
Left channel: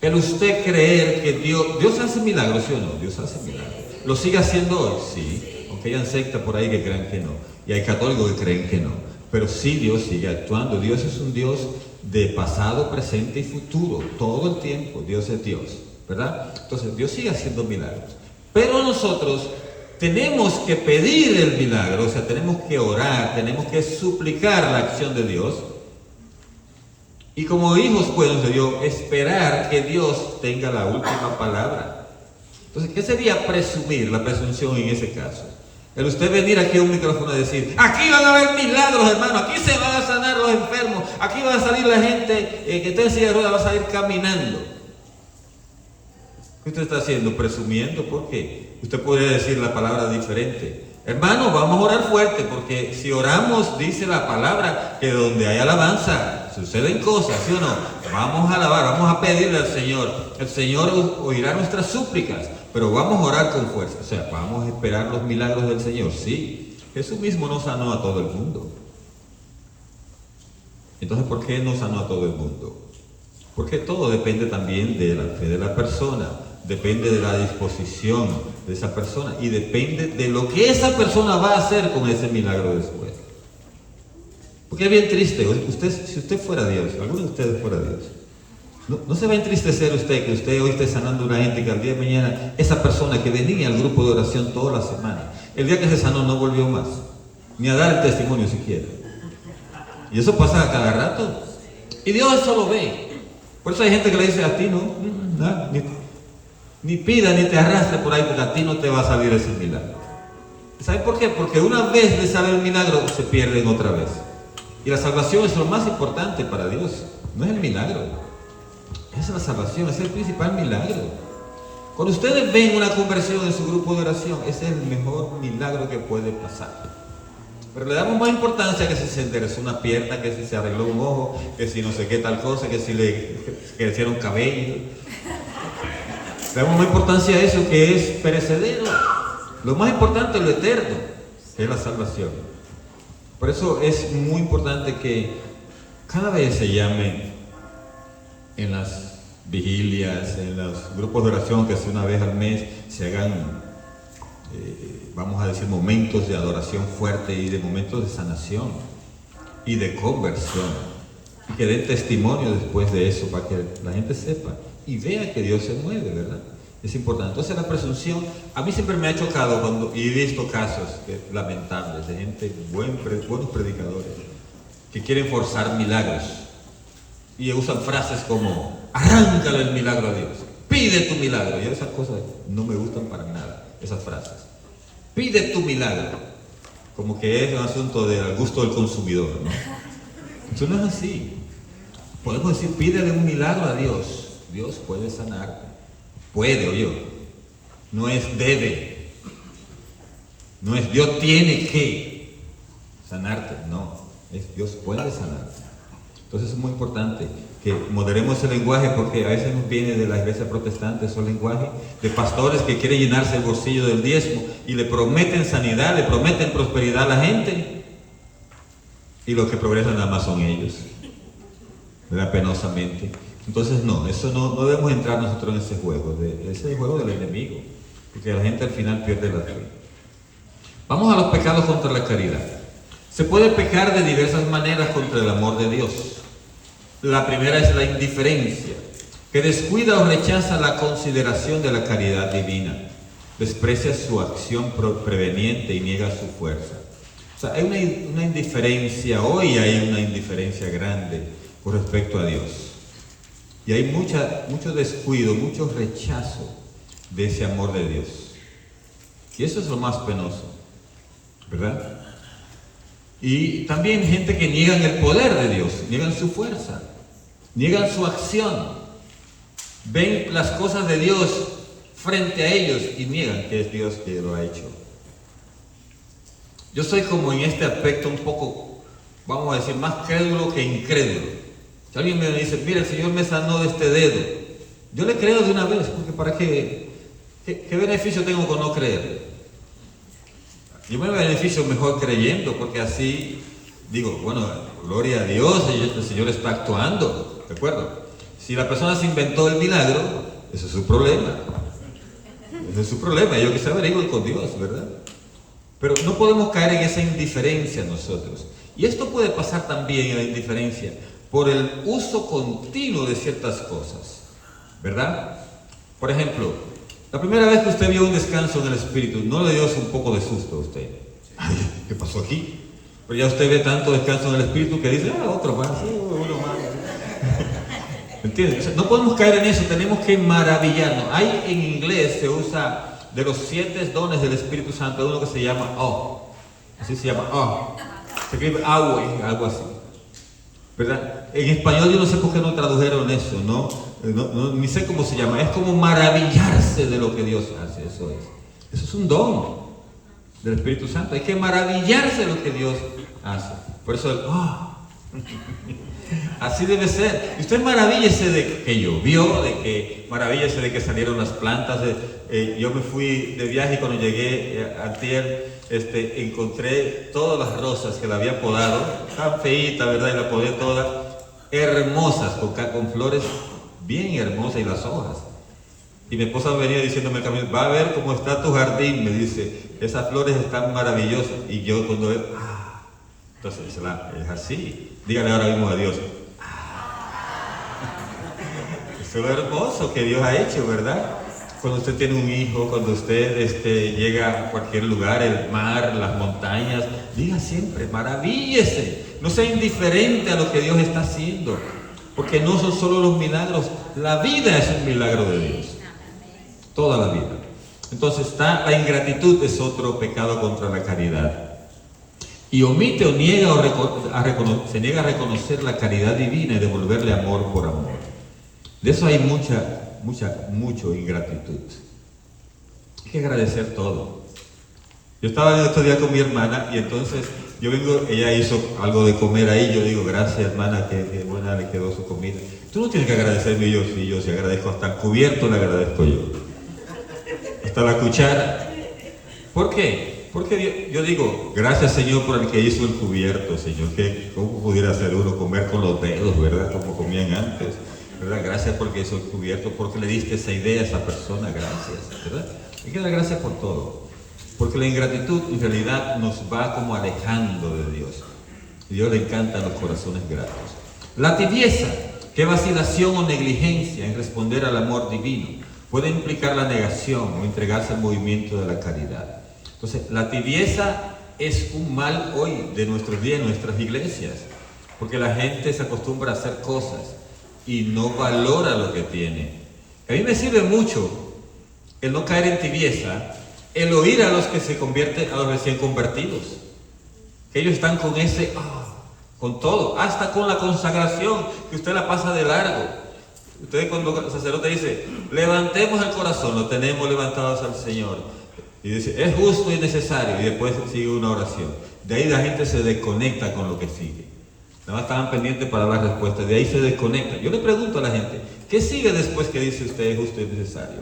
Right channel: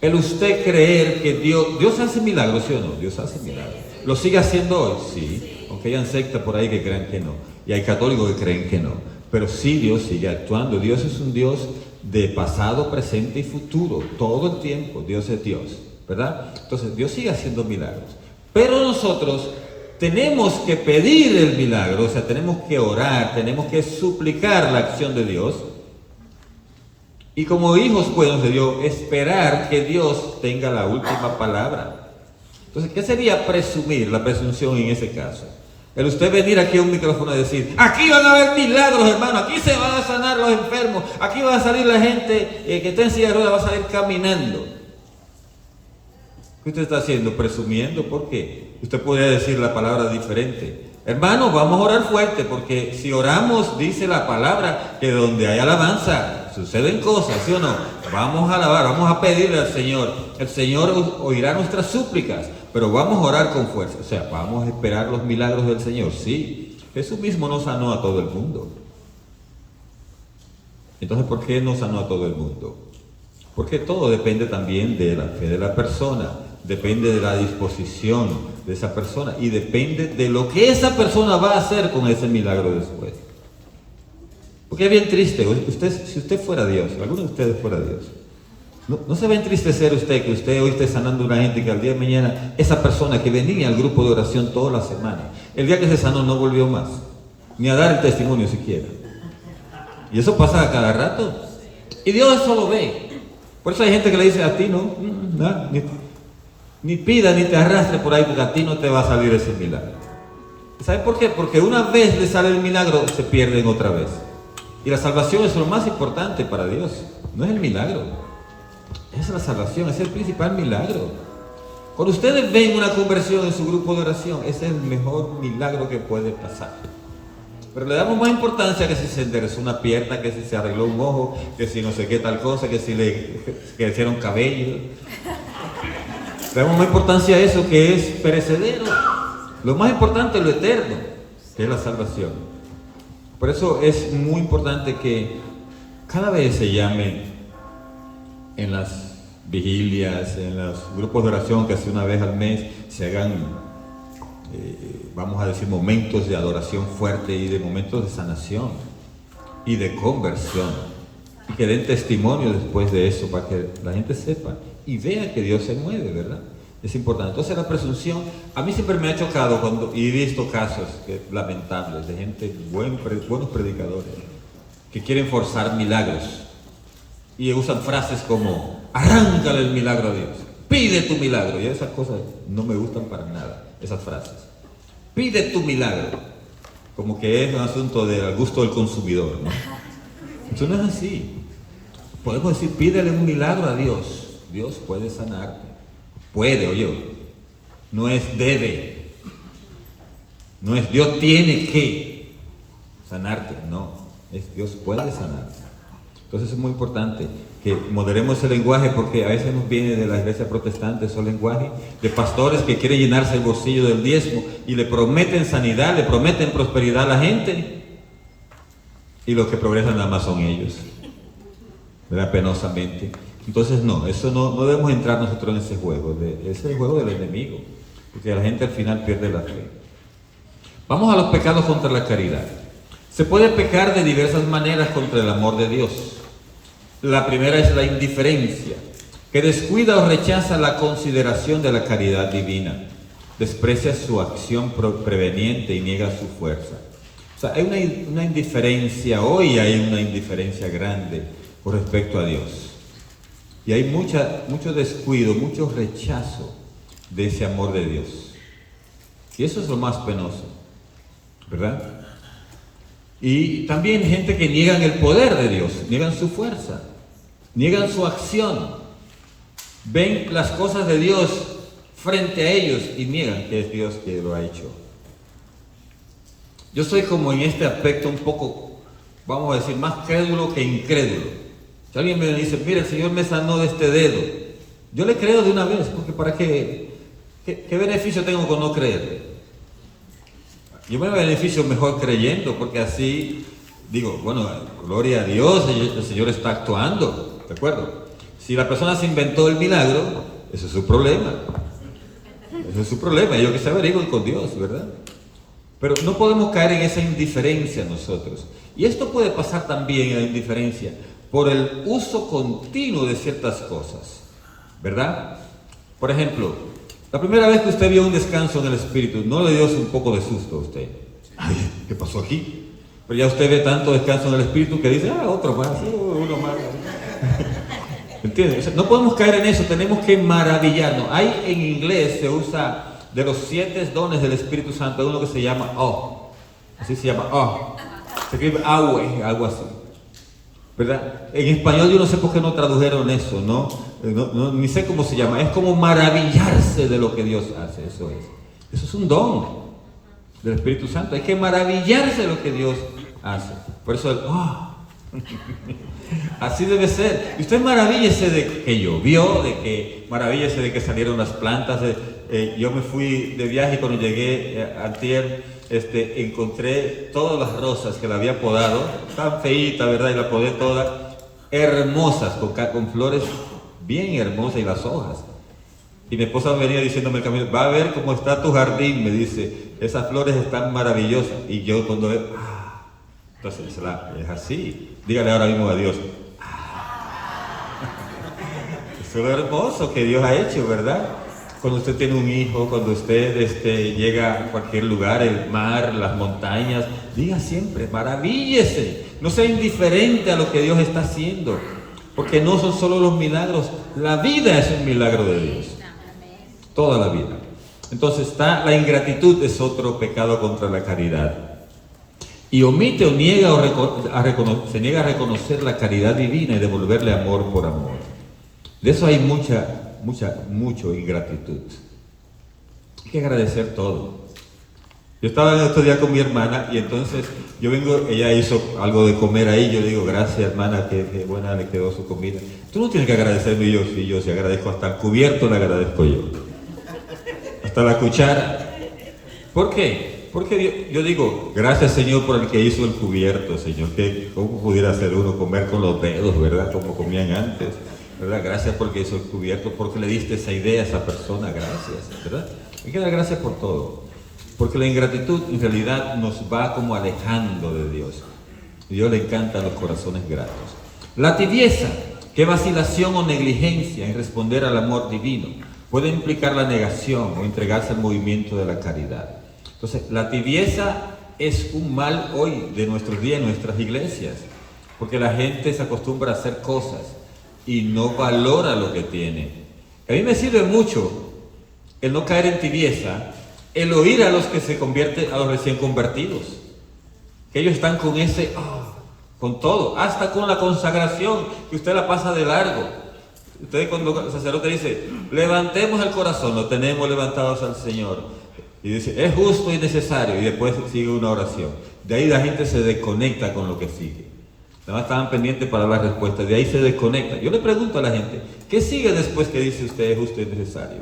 El usted creer que Dios hace milagros, ¿sí o no? Dios hace milagros. ¿Lo sigue haciendo hoy? Sí. Aunque hayan sectas por ahí que creen que no. Y hay católicos que creen que no. Pero sí, Dios sigue actuando. Dios es un Dios de pasado, presente y futuro. Todo el tiempo Dios es Dios, ¿verdad? Entonces Dios sigue haciendo milagros. Pero nosotros tenemos que pedir el milagro, o sea, tenemos que orar, tenemos que suplicar la acción de Dios. Y como hijos buenos de Dios, esperar que Dios tenga la última palabra. Entonces, ¿qué sería presumir, la presunción en ese caso? El usted venir aquí a un micrófono y decir, aquí van a haber milagros, hermano, aquí se van a sanar los enfermos, aquí va a salir la gente que está en silla de ruedas, va a salir caminando. ¿Qué usted está haciendo? Presumiendo. ¿Por qué? Usted podría decir la palabra diferente. Hermano, vamos a orar fuerte, porque si oramos, dice la palabra, que donde hay alabanza, suceden cosas, ¿sí o no? Vamos a alabar, vamos a pedirle al Señor. El Señor oirá nuestras súplicas, pero vamos a orar con fuerza. O sea, vamos a esperar los milagros del Señor. Sí, Jesús mismo no sanó a todo el mundo. Entonces, ¿por qué no sanó a todo el mundo? Porque todo depende también de la fe de la persona, depende de la disposición de esa persona y depende de lo que esa persona va a hacer con ese milagro después. Porque es bien triste, si usted fuera Dios, alguno de ustedes fuera Dios, no se va a entristecer usted que usted hoy esté sanando a una gente que al día de mañana, esa persona que venía al grupo de oración toda la semana, el día que se sanó no volvió más, ni a dar el testimonio siquiera. Y eso pasa a cada rato. Y Dios eso lo ve. Por eso hay gente que le dice a ti, ni pida ni te arrastre por ahí, porque a ti no te va a salir ese milagro. ¿Saben por qué? Porque una vez le sale el milagro, se pierden otra vez. Y la salvación es lo más importante para Dios, no es el milagro. Es la salvación, es el principal milagro. Cuando ustedes ven una conversión en su grupo de oración, ese es el mejor milagro que puede pasar. Pero le damos más importancia que si se enderezó una pierna, que si se arregló un ojo, que si no sé qué tal cosa, que si le crecieron cabello. Le damos más importancia a eso que es perecedero. Lo más importante es lo eterno, que es la salvación. Por eso es muy importante que cada vez se llame en las vigilias, en los grupos de oración, que si una vez al mes se hagan, vamos a decir, momentos de adoración fuerte y de momentos de sanación y de conversión. Y que den testimonio después de eso para que la gente sepa y vea que Dios se mueve, ¿verdad? Es importante. Entonces la presunción, a mí siempre me ha chocado y he visto casos lamentables de gente, buenos predicadores, que quieren forzar milagros y usan frases como arráncale el milagro a Dios, pide tu milagro, y esas cosas no me gustan para nada, esas frases. Pide tu milagro, como que es un asunto del gusto del consumidor, ¿no? Eso no es así. Podemos decir, pídele un milagro a Dios. Dios puede sanarte. Puede, oye. No es debe. No es Dios tiene que sanarte. No, es Dios puede sanarte. Entonces es muy importante que moderemos el lenguaje, porque a veces nos viene de la iglesia protestante esos lenguajes de pastores que quieren llenarse el bolsillo del diezmo y le prometen sanidad, le prometen prosperidad a la gente, y los que progresan nada más son ellos, ¿verdad? Penosamente. Entonces no debemos entrar nosotros en ese juego, ese es el juego del enemigo, porque la gente al final pierde la fe. Vamos a los pecados contra la caridad. Se puede pecar de diversas maneras contra el amor de Dios. La primera es la indiferencia, que descuida o rechaza la consideración de la caridad divina, desprecia su acción preveniente y niega su fuerza. O sea, hay una indiferencia, hoy hay una indiferencia grande con respecto a Dios. Y hay mucho descuido, mucho rechazo de ese amor de Dios. Y eso es lo más penoso, ¿verdad? Y también gente que niegan el poder de Dios, niegan su fuerza, niegan su acción, ven las cosas de Dios frente a ellos y niegan que es Dios que lo ha hecho. Yo soy como en este aspecto un poco, vamos a decir, más crédulo que incrédulo. Si alguien me dice, mira, el Señor me sanó de este dedo, yo le creo de una vez, porque ¿para qué beneficio tengo con no creerle? Yo me beneficio mejor creyendo, porque así digo, bueno, gloria a Dios, el Señor está actuando, ¿de acuerdo? Si la persona se inventó el milagro, eso es su problema. Ese es su problema, ellos que se averigüen con Dios, ¿verdad? Pero no podemos caer en esa indiferencia nosotros. Y esto puede pasar también en la indiferencia por el uso continuo de ciertas cosas, ¿verdad? Por ejemplo, la primera vez que usted vio un descanso en el Espíritu, ¿no le dio un poco de susto a usted? Ay, ¿qué pasó aquí? Pero ya usted ve tanto descanso en el Espíritu que dice, otro más, uno más. ¿Entiendes? O sea, no podemos caer en eso, tenemos que maravillarnos. Hay en inglés, se usa de los 7 dones del Espíritu Santo, uno que se llama así se llama se escribe algo así, ¿verdad? En español yo no sé por qué no tradujeron eso, ni sé cómo se llama. Es como maravillarse de lo que Dios hace, eso es un don del Espíritu Santo. Hay que maravillarse de lo que Dios hace. Por eso así debe ser. Y usted maravíllese de que llovió, maravíllese de que salieron las plantas. Yo me fui de viaje y cuando llegué antier, encontré todas las rosas que la había podado, tan feíta, ¿verdad? Y la podé todas, hermosas, con flores bien hermosas y las hojas. Y mi esposa venía diciéndome el camino, va a ver cómo está tu jardín, me dice, esas flores están maravillosas. Y yo cuando veo, entonces es así. Dígale ahora mismo a Dios, eso es lo hermoso que Dios ha hecho, ¿verdad? Cuando usted tiene un hijo, cuando usted llega a cualquier lugar, el mar, las montañas, diga siempre, maravíllese, no sea indiferente a lo que Dios está haciendo, porque no son solo los milagros, la vida es un milagro de Dios, toda la vida. Entonces la ingratitud es otro pecado contra la caridad. Y omite o niega se niega a reconocer la caridad divina y devolverle amor por amor. De eso hay mucho ingratitud. Hay que agradecer todo. Yo estaba estos días con mi hermana y entonces yo vengo, ella hizo algo de comer ahí, yo digo, gracias hermana, que buena le quedó su comida. Tú no tienes que agradecerme, yo sí agradezco, hasta el cubierto le agradezco yo. Hasta la cuchara. ¿Por qué? Porque yo digo, gracias Señor por el que hizo el cubierto, Señor, que cómo pudiera hacer uno comer con los dedos, ¿verdad? Como comían antes, ¿verdad? Gracias porque hizo el cubierto, porque le diste esa idea a esa persona, gracias, ¿verdad? Hay que dar gracias por todo, porque la ingratitud en realidad nos va como alejando de Dios. A Dios le encantan los corazones gratos. La tibieza, que vacilación o negligencia en responder al amor divino, puede implicar la negación o entregarse al movimiento de la caridad. Entonces, la tibieza es un mal hoy de nuestros días en nuestras iglesias. Porque la gente se acostumbra a hacer cosas y no valora lo que tiene. A mí me sirve mucho el no caer en tibieza, el oír a los que se convierten, a los recién convertidos. Que ellos están con ese, con todo, hasta con la consagración, que usted la pasa de largo. Usted cuando el sacerdote dice, levantemos el corazón, lo tenemos levantados al Señor. Y dice, es justo y necesario, y después sigue una oración. De ahí la gente se desconecta con lo que sigue. Nada más estaban pendientes para la respuesta, de ahí se desconecta. Yo le pregunto a la gente, ¿qué sigue después que dice usted es justo y necesario?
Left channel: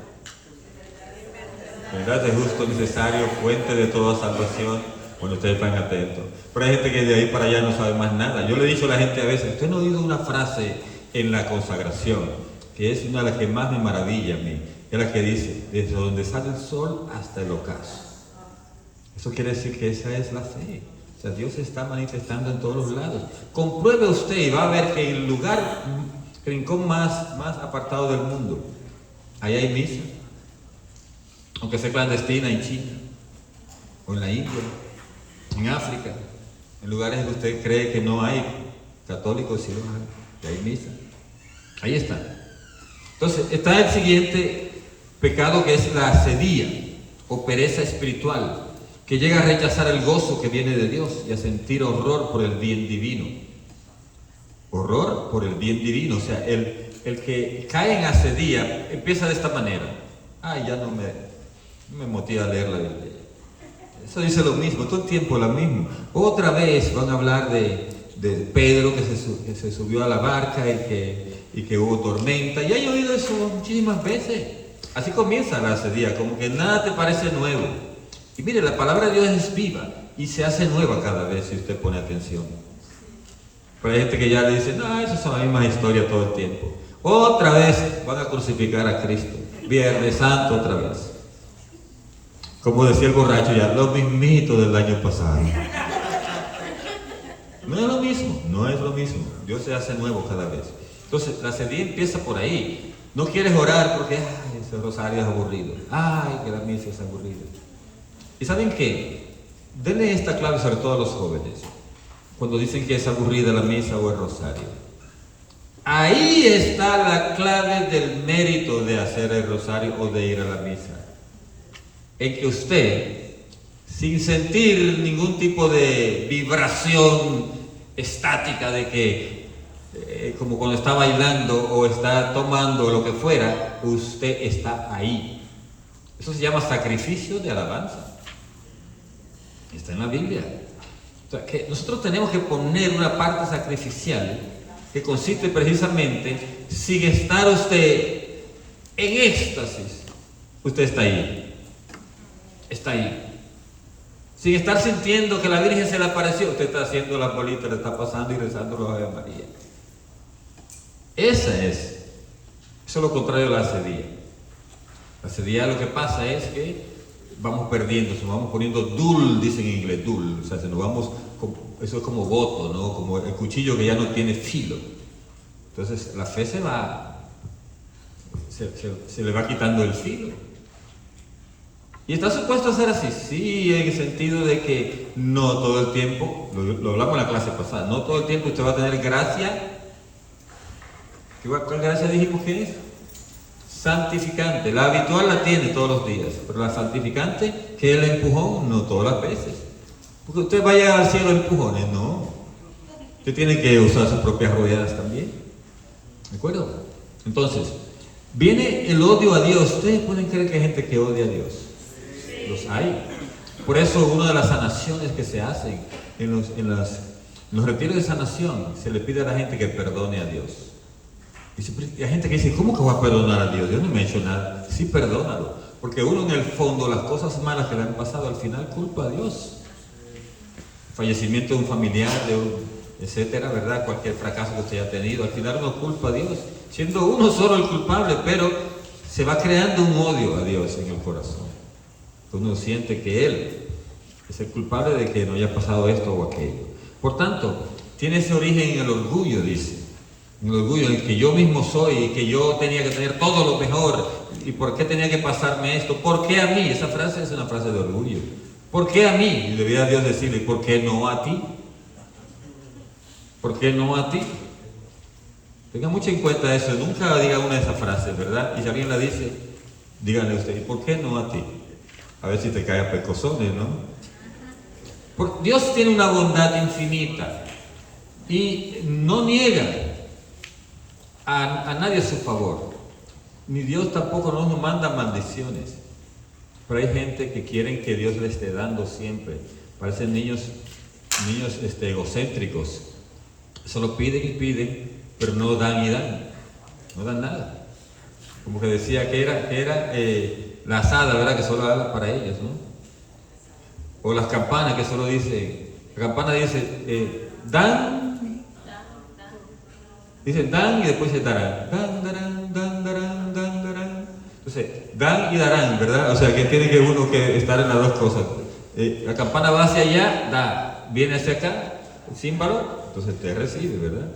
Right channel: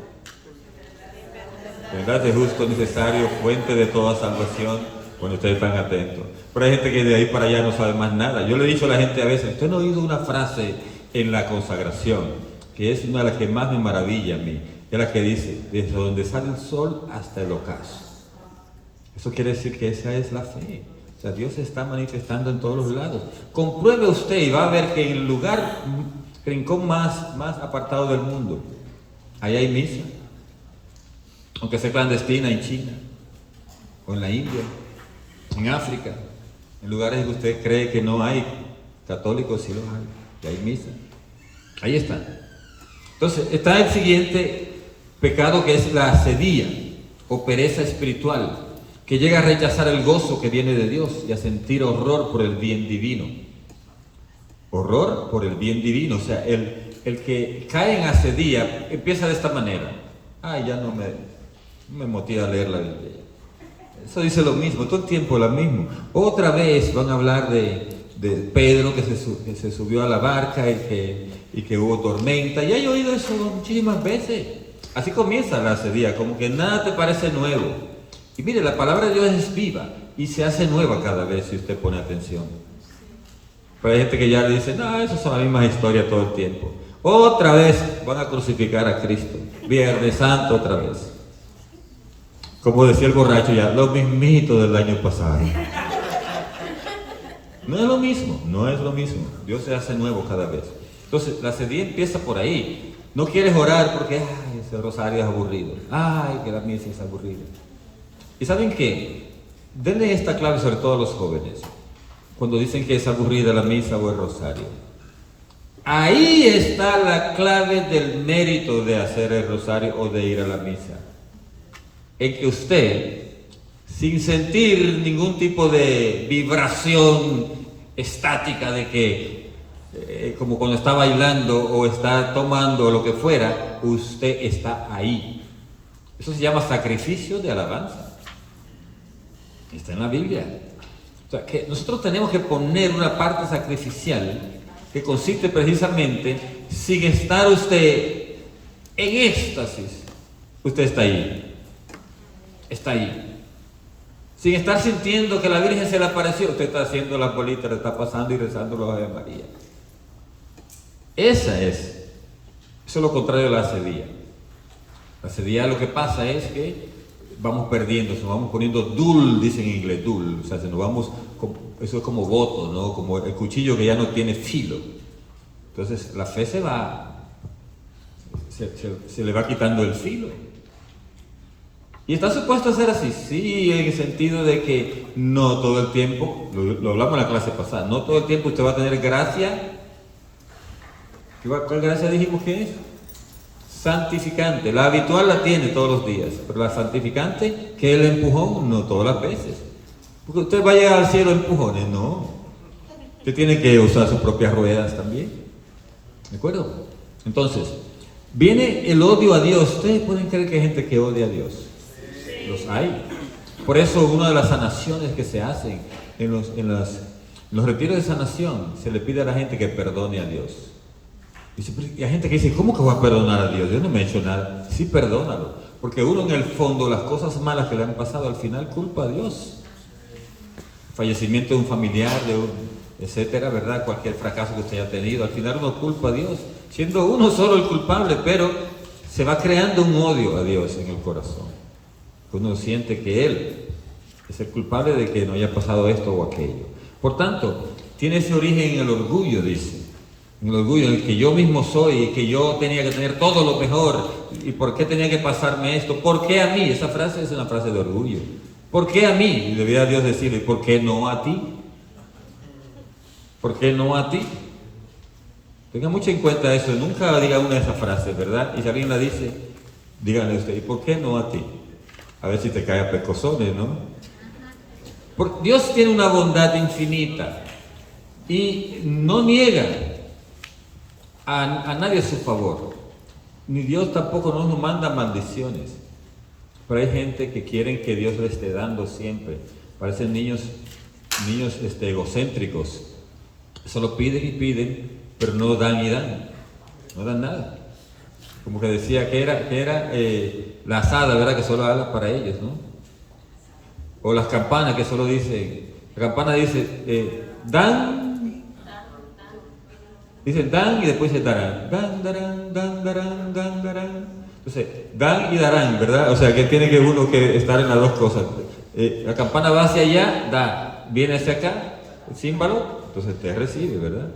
¿Verdad? Es justo, necesario, fuente de toda salvación. Bueno, ustedes están atentos. Pero hay gente que de ahí para allá no sabe más nada. Yo le he dicho a la gente a veces, usted no ha oído una frase en la consagración, que es una de las que más me maravilla a mí, es la que dice, desde donde sale el sol hasta el ocaso. Eso quiere decir que esa es la fe. O sea, Dios se está manifestando en todos los lados. Compruebe usted y va a ver que en el lugar, rincón más apartado del mundo, ahí hay misa. Aunque sea clandestina en China, o en la India, en África, en lugares en que usted cree que no hay católicos, sí los hay, que hay misa. Ahí está. Entonces, está el siguiente pecado, que es la asedía o pereza espiritual, que llega a rechazar el gozo que viene de Dios y a sentir horror por el bien divino. Horror por el bien divino. O sea, el que cae en asedía empieza de esta manera. Ya no me motiva a leer la Biblia. Eso dice lo mismo, todo el tiempo lo mismo. Otra vez van a hablar de Pedro que se subió a la barca y que hubo tormenta. Ya he oído eso muchísimas veces. Así comienza la asedía, como que nada te parece nuevo. Y mire, la palabra de Dios es viva y se hace nueva cada vez si usted pone atención. Pero hay gente que ya le dice, no, esas son las mismas historias todo el tiempo. Otra vez van a crucificar a Cristo. Viernes Santo otra vez. Como decía el borracho ya, lo mismito del año pasado. No es lo mismo, no es lo mismo. Dios se hace nuevo cada vez. Entonces, la asedía empieza por ahí. No quieres orar porque, ese rosario es aburrido. Que la misa es aburrida. ¿Y saben qué? Denle esta clave sobre todo a los jóvenes. Cuando dicen que es aburrida la misa o el rosario. Ahí está la clave del mérito de hacer el rosario o de ir a la misa. En que usted, sin sentir ningún tipo de vibración estática de que, como cuando está bailando o está tomando lo que fuera, usted está ahí. Eso se llama sacrificio de alabanza. Está en la Biblia. O sea, que nosotros tenemos que poner una parte sacrificial que consiste precisamente, sin estar usted en éxtasis, usted está ahí. Está ahí. Sin estar sintiendo que la Virgen se le apareció, usted está haciendo las bolitas, le está pasando y rezando los Ave María. Eso es lo contrario de la asedía. La asedía lo que pasa es que vamos perdiendo, se nos vamos poniendo dull, dicen en inglés, dull, o sea, se nos vamos, eso es como voto, ¿no? Como el cuchillo que ya no tiene filo. Entonces la fe se le va quitando el filo. Y está supuesto a ser así, sí, en el sentido de que no todo el tiempo, lo hablamos en la clase pasada, no todo el tiempo usted va a tener gracia. ¿Cuál gracia dijimos que es? Santificante. La habitual la tiene todos los días, pero la santificante, que es el empujón, no todas las veces. Porque usted vaya al cielo empujones, no. Usted tiene que usar sus propias ruedas también. ¿De acuerdo? Entonces, viene el odio a Dios. ¿Ustedes pueden creer que hay gente que odia a Dios? Los hay. Por eso una de las sanaciones que se hacen en los retiros de sanación, se le pide a la gente que perdone a Dios. Y hay gente que dice, ¿cómo que voy a perdonar a Dios? Dios no me ha hecho nada. Sí, perdónalo. Porque uno en el fondo, las cosas malas que le han pasado, al final culpa a Dios. Fallecimiento de un familiar, etcétera, ¿verdad? Cualquier fracaso que usted haya tenido, al final uno culpa a Dios. Siendo uno solo el culpable, pero se va creando un odio a Dios en el corazón. Uno siente que Él es el culpable de que no haya pasado esto o aquello. Por tanto, tiene ese origen en el orgullo, dice. En el orgullo, en el que yo mismo soy, y que yo tenía que tener todo lo mejor, y por qué tenía que pasarme esto, ¿por qué a mí? Esa frase es una frase de orgullo. ¿Por qué a mí? Y debía Dios decirle, ¿por qué no a ti? ¿Por qué no a ti? Tenga mucho en cuenta eso, nunca diga una de esas frases, ¿verdad? Y si alguien la dice, díganle usted, ¿y por qué no a ti? A ver si te cae a pescozones, ¿no? Porque Dios tiene una bondad infinita y no niega a nadie su favor. Ni Dios tampoco nos manda maldiciones. Pero hay gente que quieren que Dios le esté dando siempre. Parecen niños egocéntricos. Solo piden y piden, pero no dan y dan. No dan nada. Como que decía que era la asada, ¿verdad? Que solo habla para ellos, ¿no? O las campanas que solo dicen, la campana dice, dan, dicen dan y después dice darán, dan, darán, dan, darán, dan, darán. Entonces, dan y darán, ¿verdad? O sea que tiene que uno que estar en las dos cosas. La campana va hacia allá, da, viene hacia acá, el címbalo, entonces te recibe, ¿verdad?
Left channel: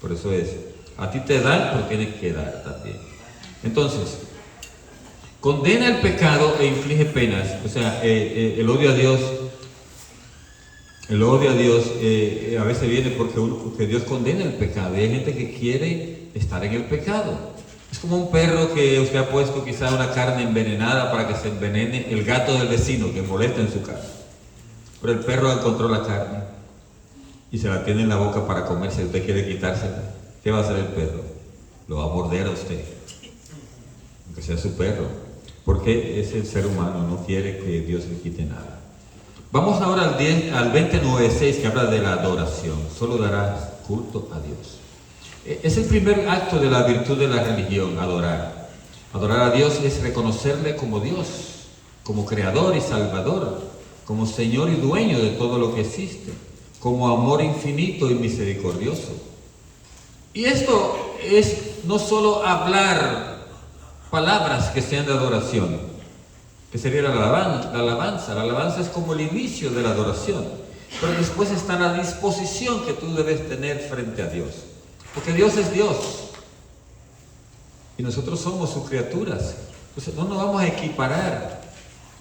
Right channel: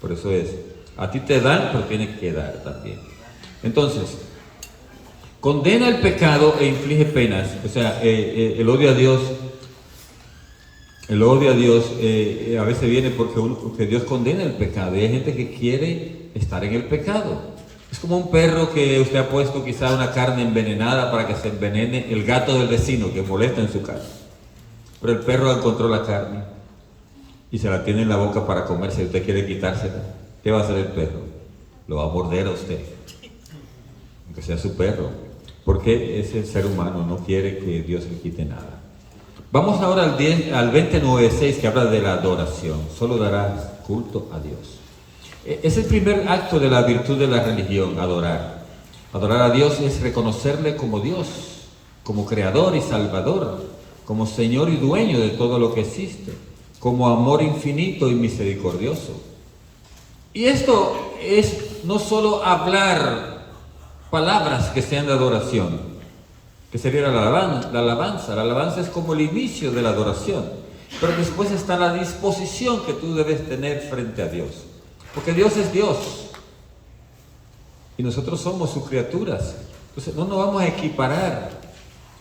Por eso es, a ti te dan, pero tienes que dar también. Entonces, condena el pecado e inflige penas. O sea, el odio a Dios a veces viene porque Dios condena el pecado. Y hay gente que quiere estar en el pecado. Es como un perro que usted ha puesto quizá una carne envenenada para que se envenene el gato del vecino que molesta en su casa. Pero el perro encontró la carne y se la tiene en la boca para comerse. Usted quiere quitársela. ¿Qué va a hacer el perro? Lo va a morder a usted, aunque sea su perro, porque es el ser humano, no quiere que Dios le quite nada. Vamos ahora al 29:6, que habla de la adoración. Solo darás culto a Dios. Es el primer acto de la virtud de la religión, adorar. Adorar a Dios es reconocerle como Dios, como creador y salvador, como Señor y dueño de todo lo que existe, como amor infinito y misericordioso. Y esto es no solo hablar palabras que sean de adoración, que sería la alabanza. La alabanza es como el inicio de la adoración, pero después está la disposición que tú debes tener frente a Dios. Porque Dios es Dios y nosotros somos sus criaturas. Entonces no nos vamos a equiparar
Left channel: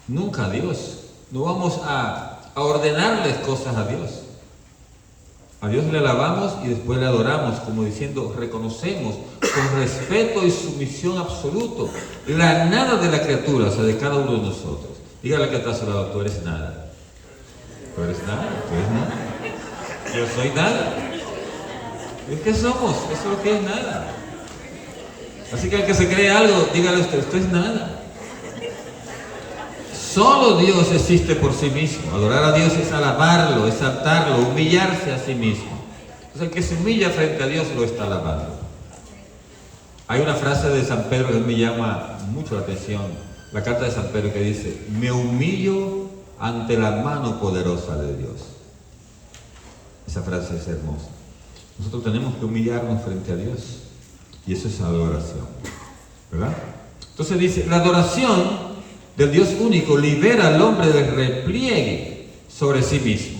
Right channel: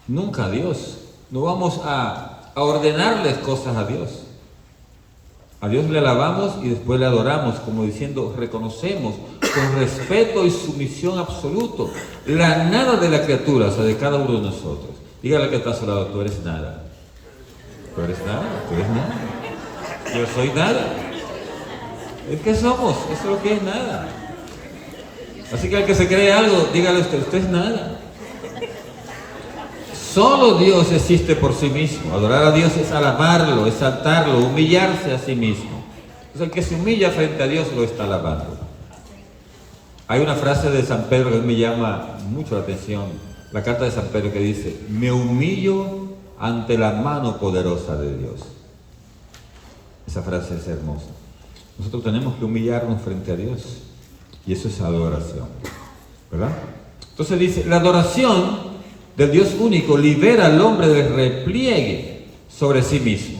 nunca a Dios. No vamos a ordenarles cosas a Dios. A Dios le alabamos y después le adoramos, como diciendo, reconocemos con respeto y sumisión absoluto la nada de la criatura, o sea, de cada uno de nosotros. Dígale que está a su lado, tú eres nada. Tú eres nada, tú eres nada. Yo soy nada. ¿Es que somos? Eso es lo que es nada. Así que al que se cree algo, dígale usted es nada. Solo Dios existe por sí mismo. Adorar a Dios es alabarlo, exaltarlo, humillarse a sí mismo. Entonces el que se humilla frente a Dios lo está alabando. Hay una frase de San Pedro que me llama mucho la atención. La carta de San Pedro que dice, me humillo ante la mano poderosa de Dios. Esa frase es hermosa. Nosotros tenemos que humillarnos frente a Dios. Y eso es adoración, ¿verdad? Entonces dice, la adoración del Dios único libera al hombre del repliegue sobre sí mismo,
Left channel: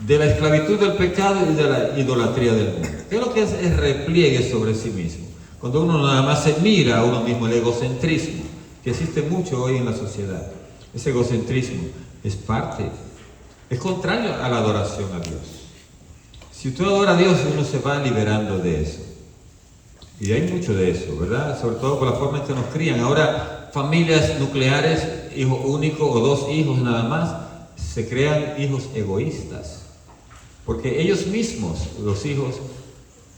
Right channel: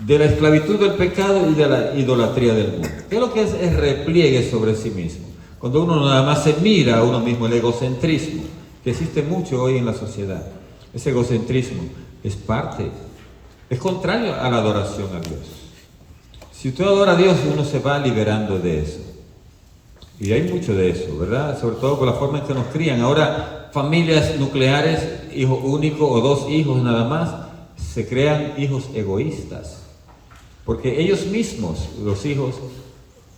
de la esclavitud del pecado y de la idolatría del mundo. ¿Qué es lo que es el repliegue sobre sí mismo? Cuando uno nada más se mira a uno mismo, el egocentrismo, que existe mucho hoy en la sociedad. Ese egocentrismo es contrario a la adoración a Dios. Si usted adora a Dios, uno se va liberando de eso. Y hay mucho de eso, ¿verdad? Sobre todo por la forma en que nos crían. Ahora, familias nucleares, hijo único o dos hijos nada más, se crean hijos egoístas. Porque ellos mismos, los hijos,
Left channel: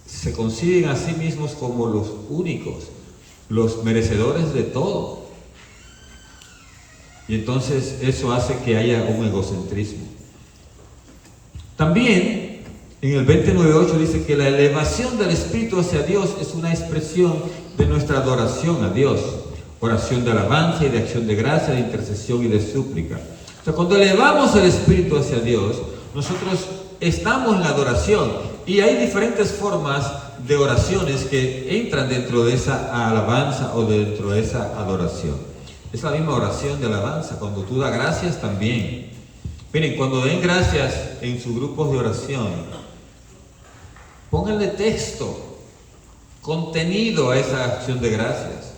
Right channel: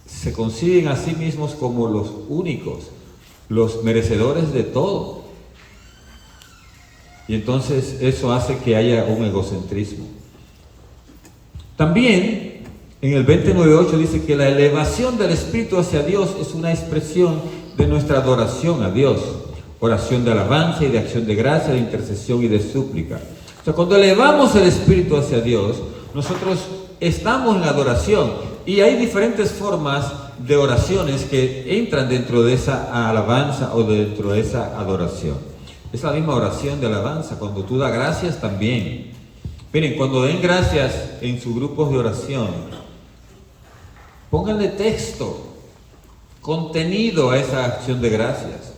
se conciben a sí mismos como los únicos, los merecedores de todo. Y entonces eso hace que haya un egocentrismo. También en el 29:8 dice que la elevación del espíritu hacia Dios es una expresión de nuestra adoración a Dios. Oración de alabanza y de acción de gracia, de intercesión y de súplica. O sea, cuando elevamos el espíritu hacia Dios, nosotros estamos en adoración. Y hay diferentes formas de oraciones que entran dentro de esa alabanza o dentro de esa adoración. Es la misma oración de alabanza. Cuando tú das gracias también. Miren, cuando den gracias en sus grupos de oración, pónganle texto, contenido a esa acción de gracias.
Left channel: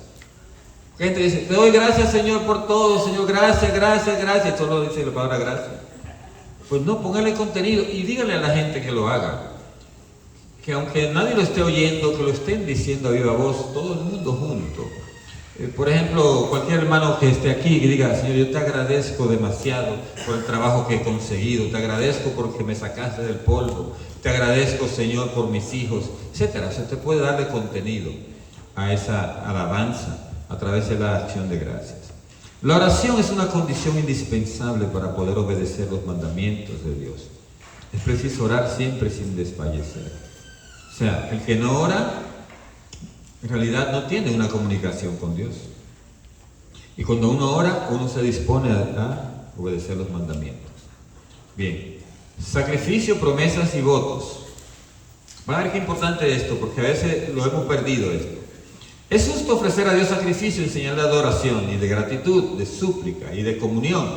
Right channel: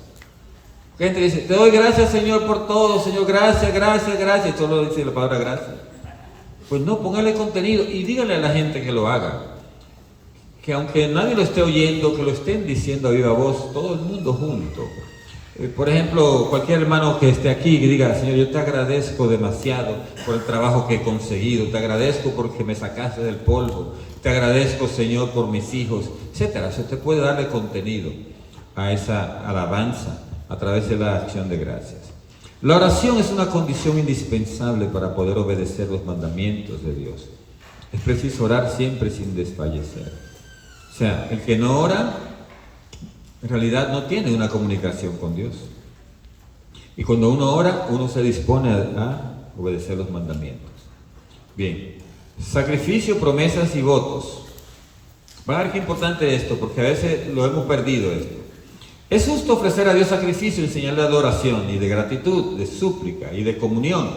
Gente dice, te doy gracias Señor por todo, Señor, gracias, gracias, gracias. Y solo dice la palabra gracias. Pues no, póngale contenido y dígale a la gente que lo haga. Que aunque nadie lo esté oyendo, que lo estén diciendo a viva voz, todo el mundo junto. Por ejemplo, cualquier hermano que esté aquí y diga: Señor, yo te agradezco demasiado por el trabajo que he conseguido, te agradezco porque me sacaste del polvo, te agradezco, Señor, por mis hijos, etcétera. Se te puede darle contenido a esa alabanza a través de la acción de gracias. La oración es una condición indispensable para poder obedecer los mandamientos de Dios. Es preciso orar siempre sin desfallecer. O sea, el que no ora, en realidad no tiene una comunicación con Dios. Y cuando uno ora, uno se dispone a obedecer los mandamientos. Bien, sacrificio, promesas y votos. Va a ver qué importante esto, porque a veces lo hemos perdido esto. Es justo ofrecer a Dios sacrificio en señal de adoración y de gratitud, de súplica y de comunión.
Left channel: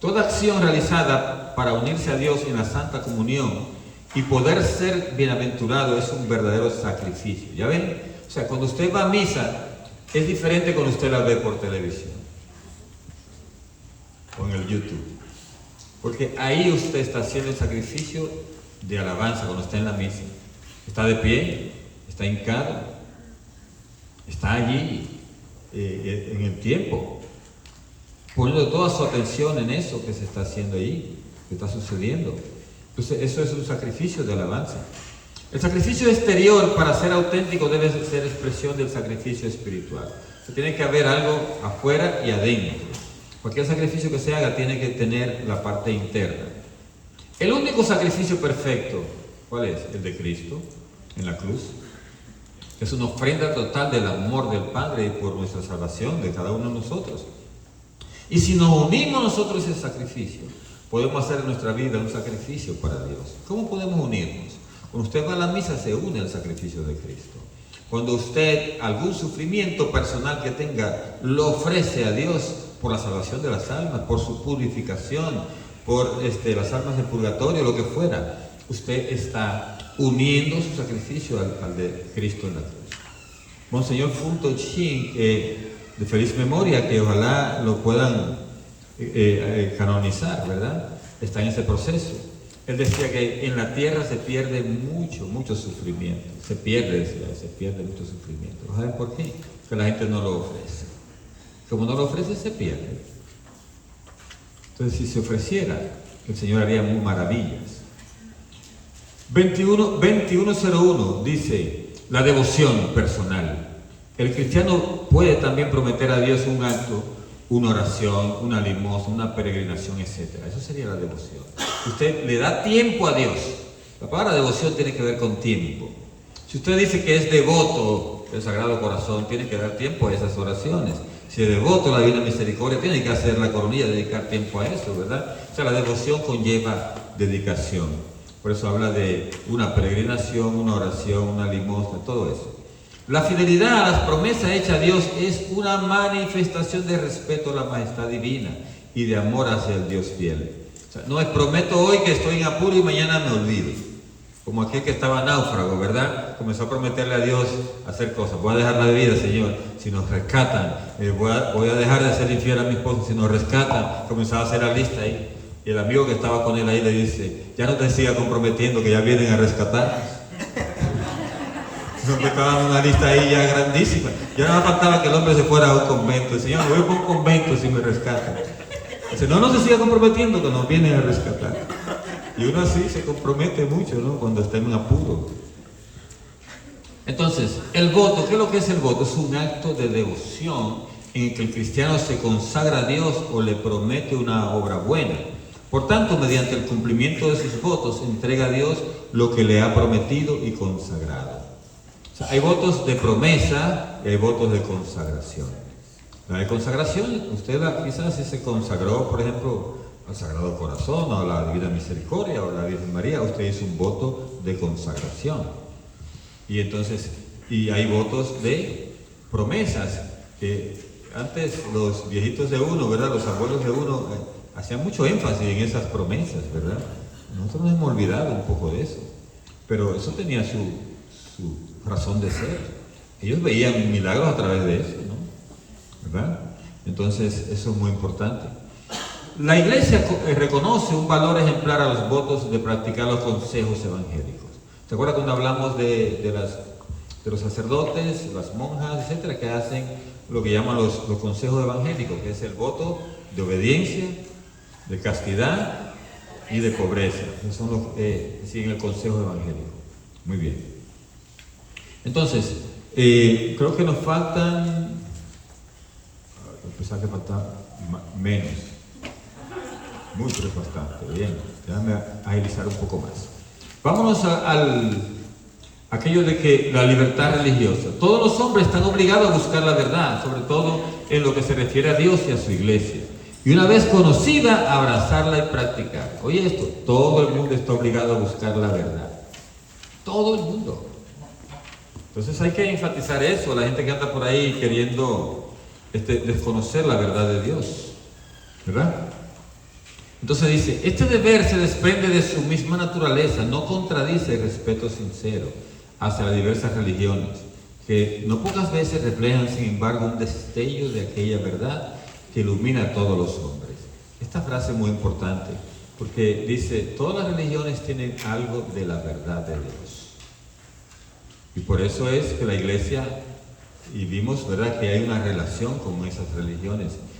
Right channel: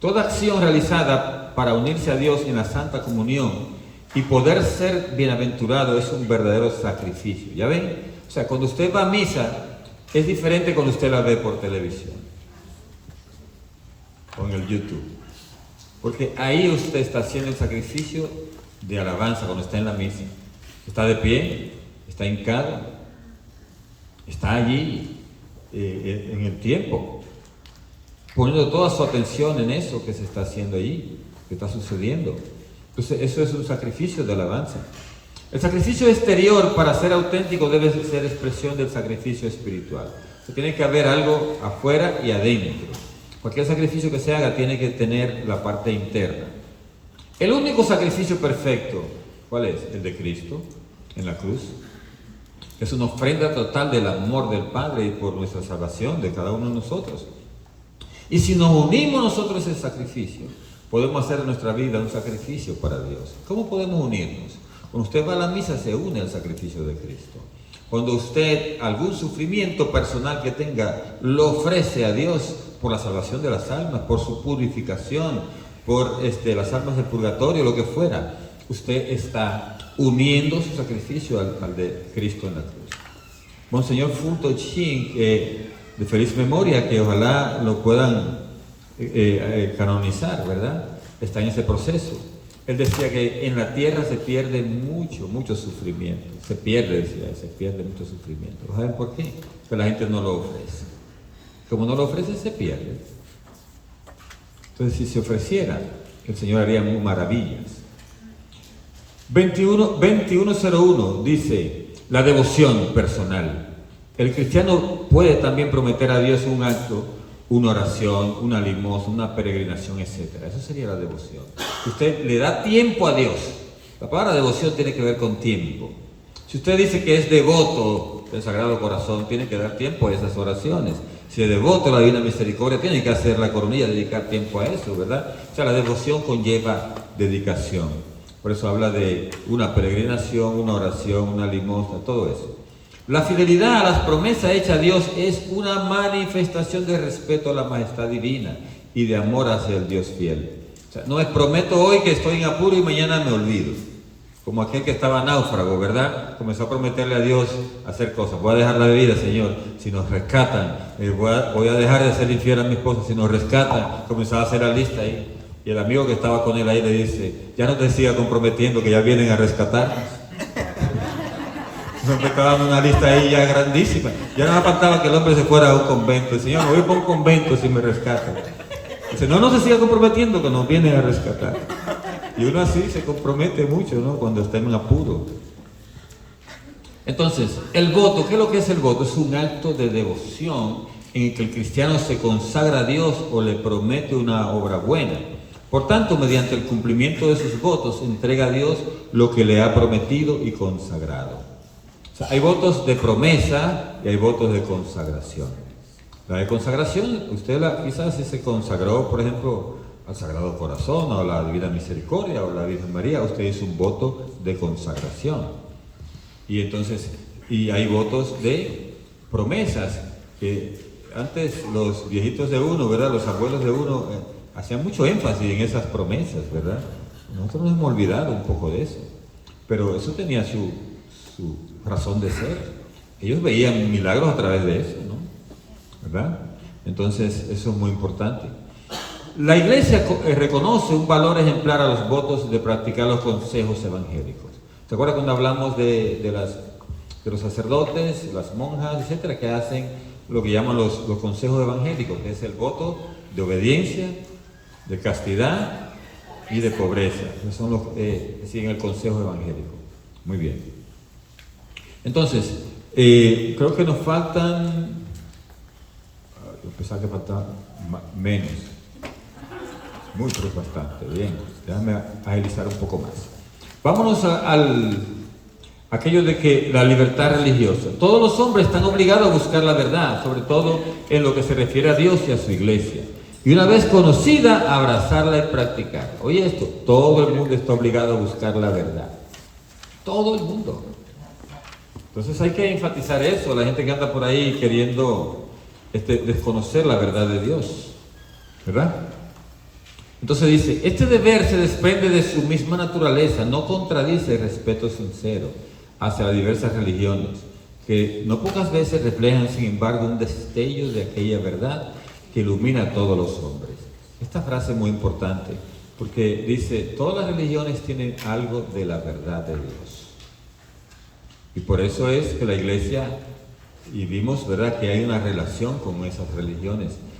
Toda acción realizada para unirse a Dios en la Santa Comunión y poder ser bienaventurado es un verdadero sacrificio. ¿Ya ven? O sea, cuando usted va a misa, es diferente cuando usted la ve por televisión o en el YouTube. Porque ahí usted está haciendo el sacrificio de alabanza cuando está en la misa. Está de pie, está hincado, está allí en el tiempo, poniendo toda su atención en eso que se está haciendo allí, que está sucediendo. Entonces, eso es un sacrificio de alabanza. El sacrificio exterior, para ser auténtico, debe ser expresión del sacrificio espiritual. O sea, tiene que haber algo afuera y adentro. Cualquier sacrificio que se haga tiene que tener la parte interna. El único sacrificio perfecto, ¿cuál es? El de Cristo en la cruz. Es una ofrenda total del amor del Padre y por nuestra salvación de cada uno de nosotros. Y si nos unimos nosotros a ese sacrificio, podemos hacer de nuestra vida un sacrificio para Dios. ¿Cómo podemos unirnos? Cuando usted va a la misa, se une al sacrificio de Cristo. Cuando usted algún sufrimiento personal que tenga, lo ofrece a Dios por la salvación de las almas, por su purificación, por las almas del purgatorio, lo que fuera, usted está uniendo su sacrificio al de Cristo en la cruz. Monseñor Funto Chin, de feliz memoria, que ojalá lo puedan canonizar, ¿verdad? Está en ese proceso. Él decía que en la tierra se pierde mucho sufrimiento. Se pierde mucho sufrimiento. ¿Saben por qué? Que la gente no lo ofrece. Como no lo ofrece, se pierde. Entonces, si se ofreciera, el Señor haría maravillas. 2101 dice: la devoción personal. El cristiano puede también prometer a Dios un acto, una oración, una limosna, una peregrinación, etc. Eso sería la devoción. Usted le da tiempo a Dios. La palabra devoción tiene que ver con tiempo. Si usted dice que es devoto del Sagrado Corazón, tiene que dar tiempo a esas oraciones. Si es devoto a la Divina Misericordia, tiene que hacer la coronilla, dedicar tiempo a eso, ¿verdad? O sea, la devoción conlleva dedicación. Por eso habla de una peregrinación, una oración, una limosna, todo eso. La fidelidad a las promesas hechas a Dios es una manifestación de respeto a la majestad divina y de amor hacia el Dios fiel. O sea, no es prometo hoy que estoy en apuro y mañana me olvido. Como aquel que estaba náufrago, ¿verdad? Comenzó a prometerle a Dios hacer cosas. Voy a dejar la bebida, Señor, si nos rescatan. Voy a dejar de hacer infiel a mi esposa si nos rescatan. Comenzaba a hacer la lista ahí. Y el amigo que estaba con él ahí le dice: ya no te sigas comprometiendo, que ya vienen a rescatarnos. Me estaba dando una lista ahí ya grandísima. Ya no me faltaba que el hombre se fuera a un convento. El Señor, me voy para un convento si me rescatan. Dice: no se siga comprometiendo, que nos vienen a rescatar. Y uno así se compromete mucho, ¿no? Cuando está en un apuro. Entonces, el voto, ¿qué es lo que es el voto? Es un acto de devoción en el que el cristiano se consagra a Dios o le promete una obra buena. Por tanto, mediante el cumplimiento de sus votos, entrega a Dios lo que le ha prometido y consagrado. O sea, hay votos de promesa y hay votos de consagración. La de consagración, usted quizás si se consagró, por ejemplo, al Sagrado Corazón o a la Divina Misericordia o a la Virgen María, usted hizo un voto de consagración. Y entonces, y hay votos de promesas. Antes los viejitos de uno, ¿verdad? Los abuelos de uno hacían mucho énfasis en esas promesas, ¿verdad? Nosotros nos hemos olvidado un poco de eso. Pero eso tenía su razón de ser. Ellos veían milagros a través de eso, ¿no? ¿Verdad? Entonces, eso es muy importante. La iglesia reconoce un valor ejemplar a los votos de practicar los consejos evangélicos. ¿Se acuerdan cuando hablamos de los sacerdotes, las monjas, etcétera, que hacen lo que llaman los consejos evangélicos, que es el voto de obediencia, de castidad y de pobreza? Esos son los siguen el consejo evangélico. Muy bien. Entonces, creo que nos faltan, pensaba que faltan menos. Muy, pero bastante. Bien, déjame agilizar un poco más. Vámonos aquello de que la libertad religiosa. Todos los hombres están obligados a buscar la verdad, sobre todo en lo que se refiere a Dios y a su iglesia. Y una vez conocida, abrazarla y practicarla. Oye esto, todo el mundo está obligado a buscar la verdad. Todo el mundo. Entonces hay que enfatizar eso, la gente que anda por ahí queriendo desconocer la verdad de Dios. ¿Verdad? Entonces dice, este deber se desprende de su misma naturaleza, no contradice el respeto sincero hacia las diversas religiones, que no pocas veces reflejan, sin embargo, un destello de aquella verdad que ilumina a todos los hombres. Esta frase es muy importante, porque dice, todas las religiones tienen algo de la verdad de Dios. Y por eso es que la iglesia, y vimos, ¿verdad?, que hay una relación con esas religiones.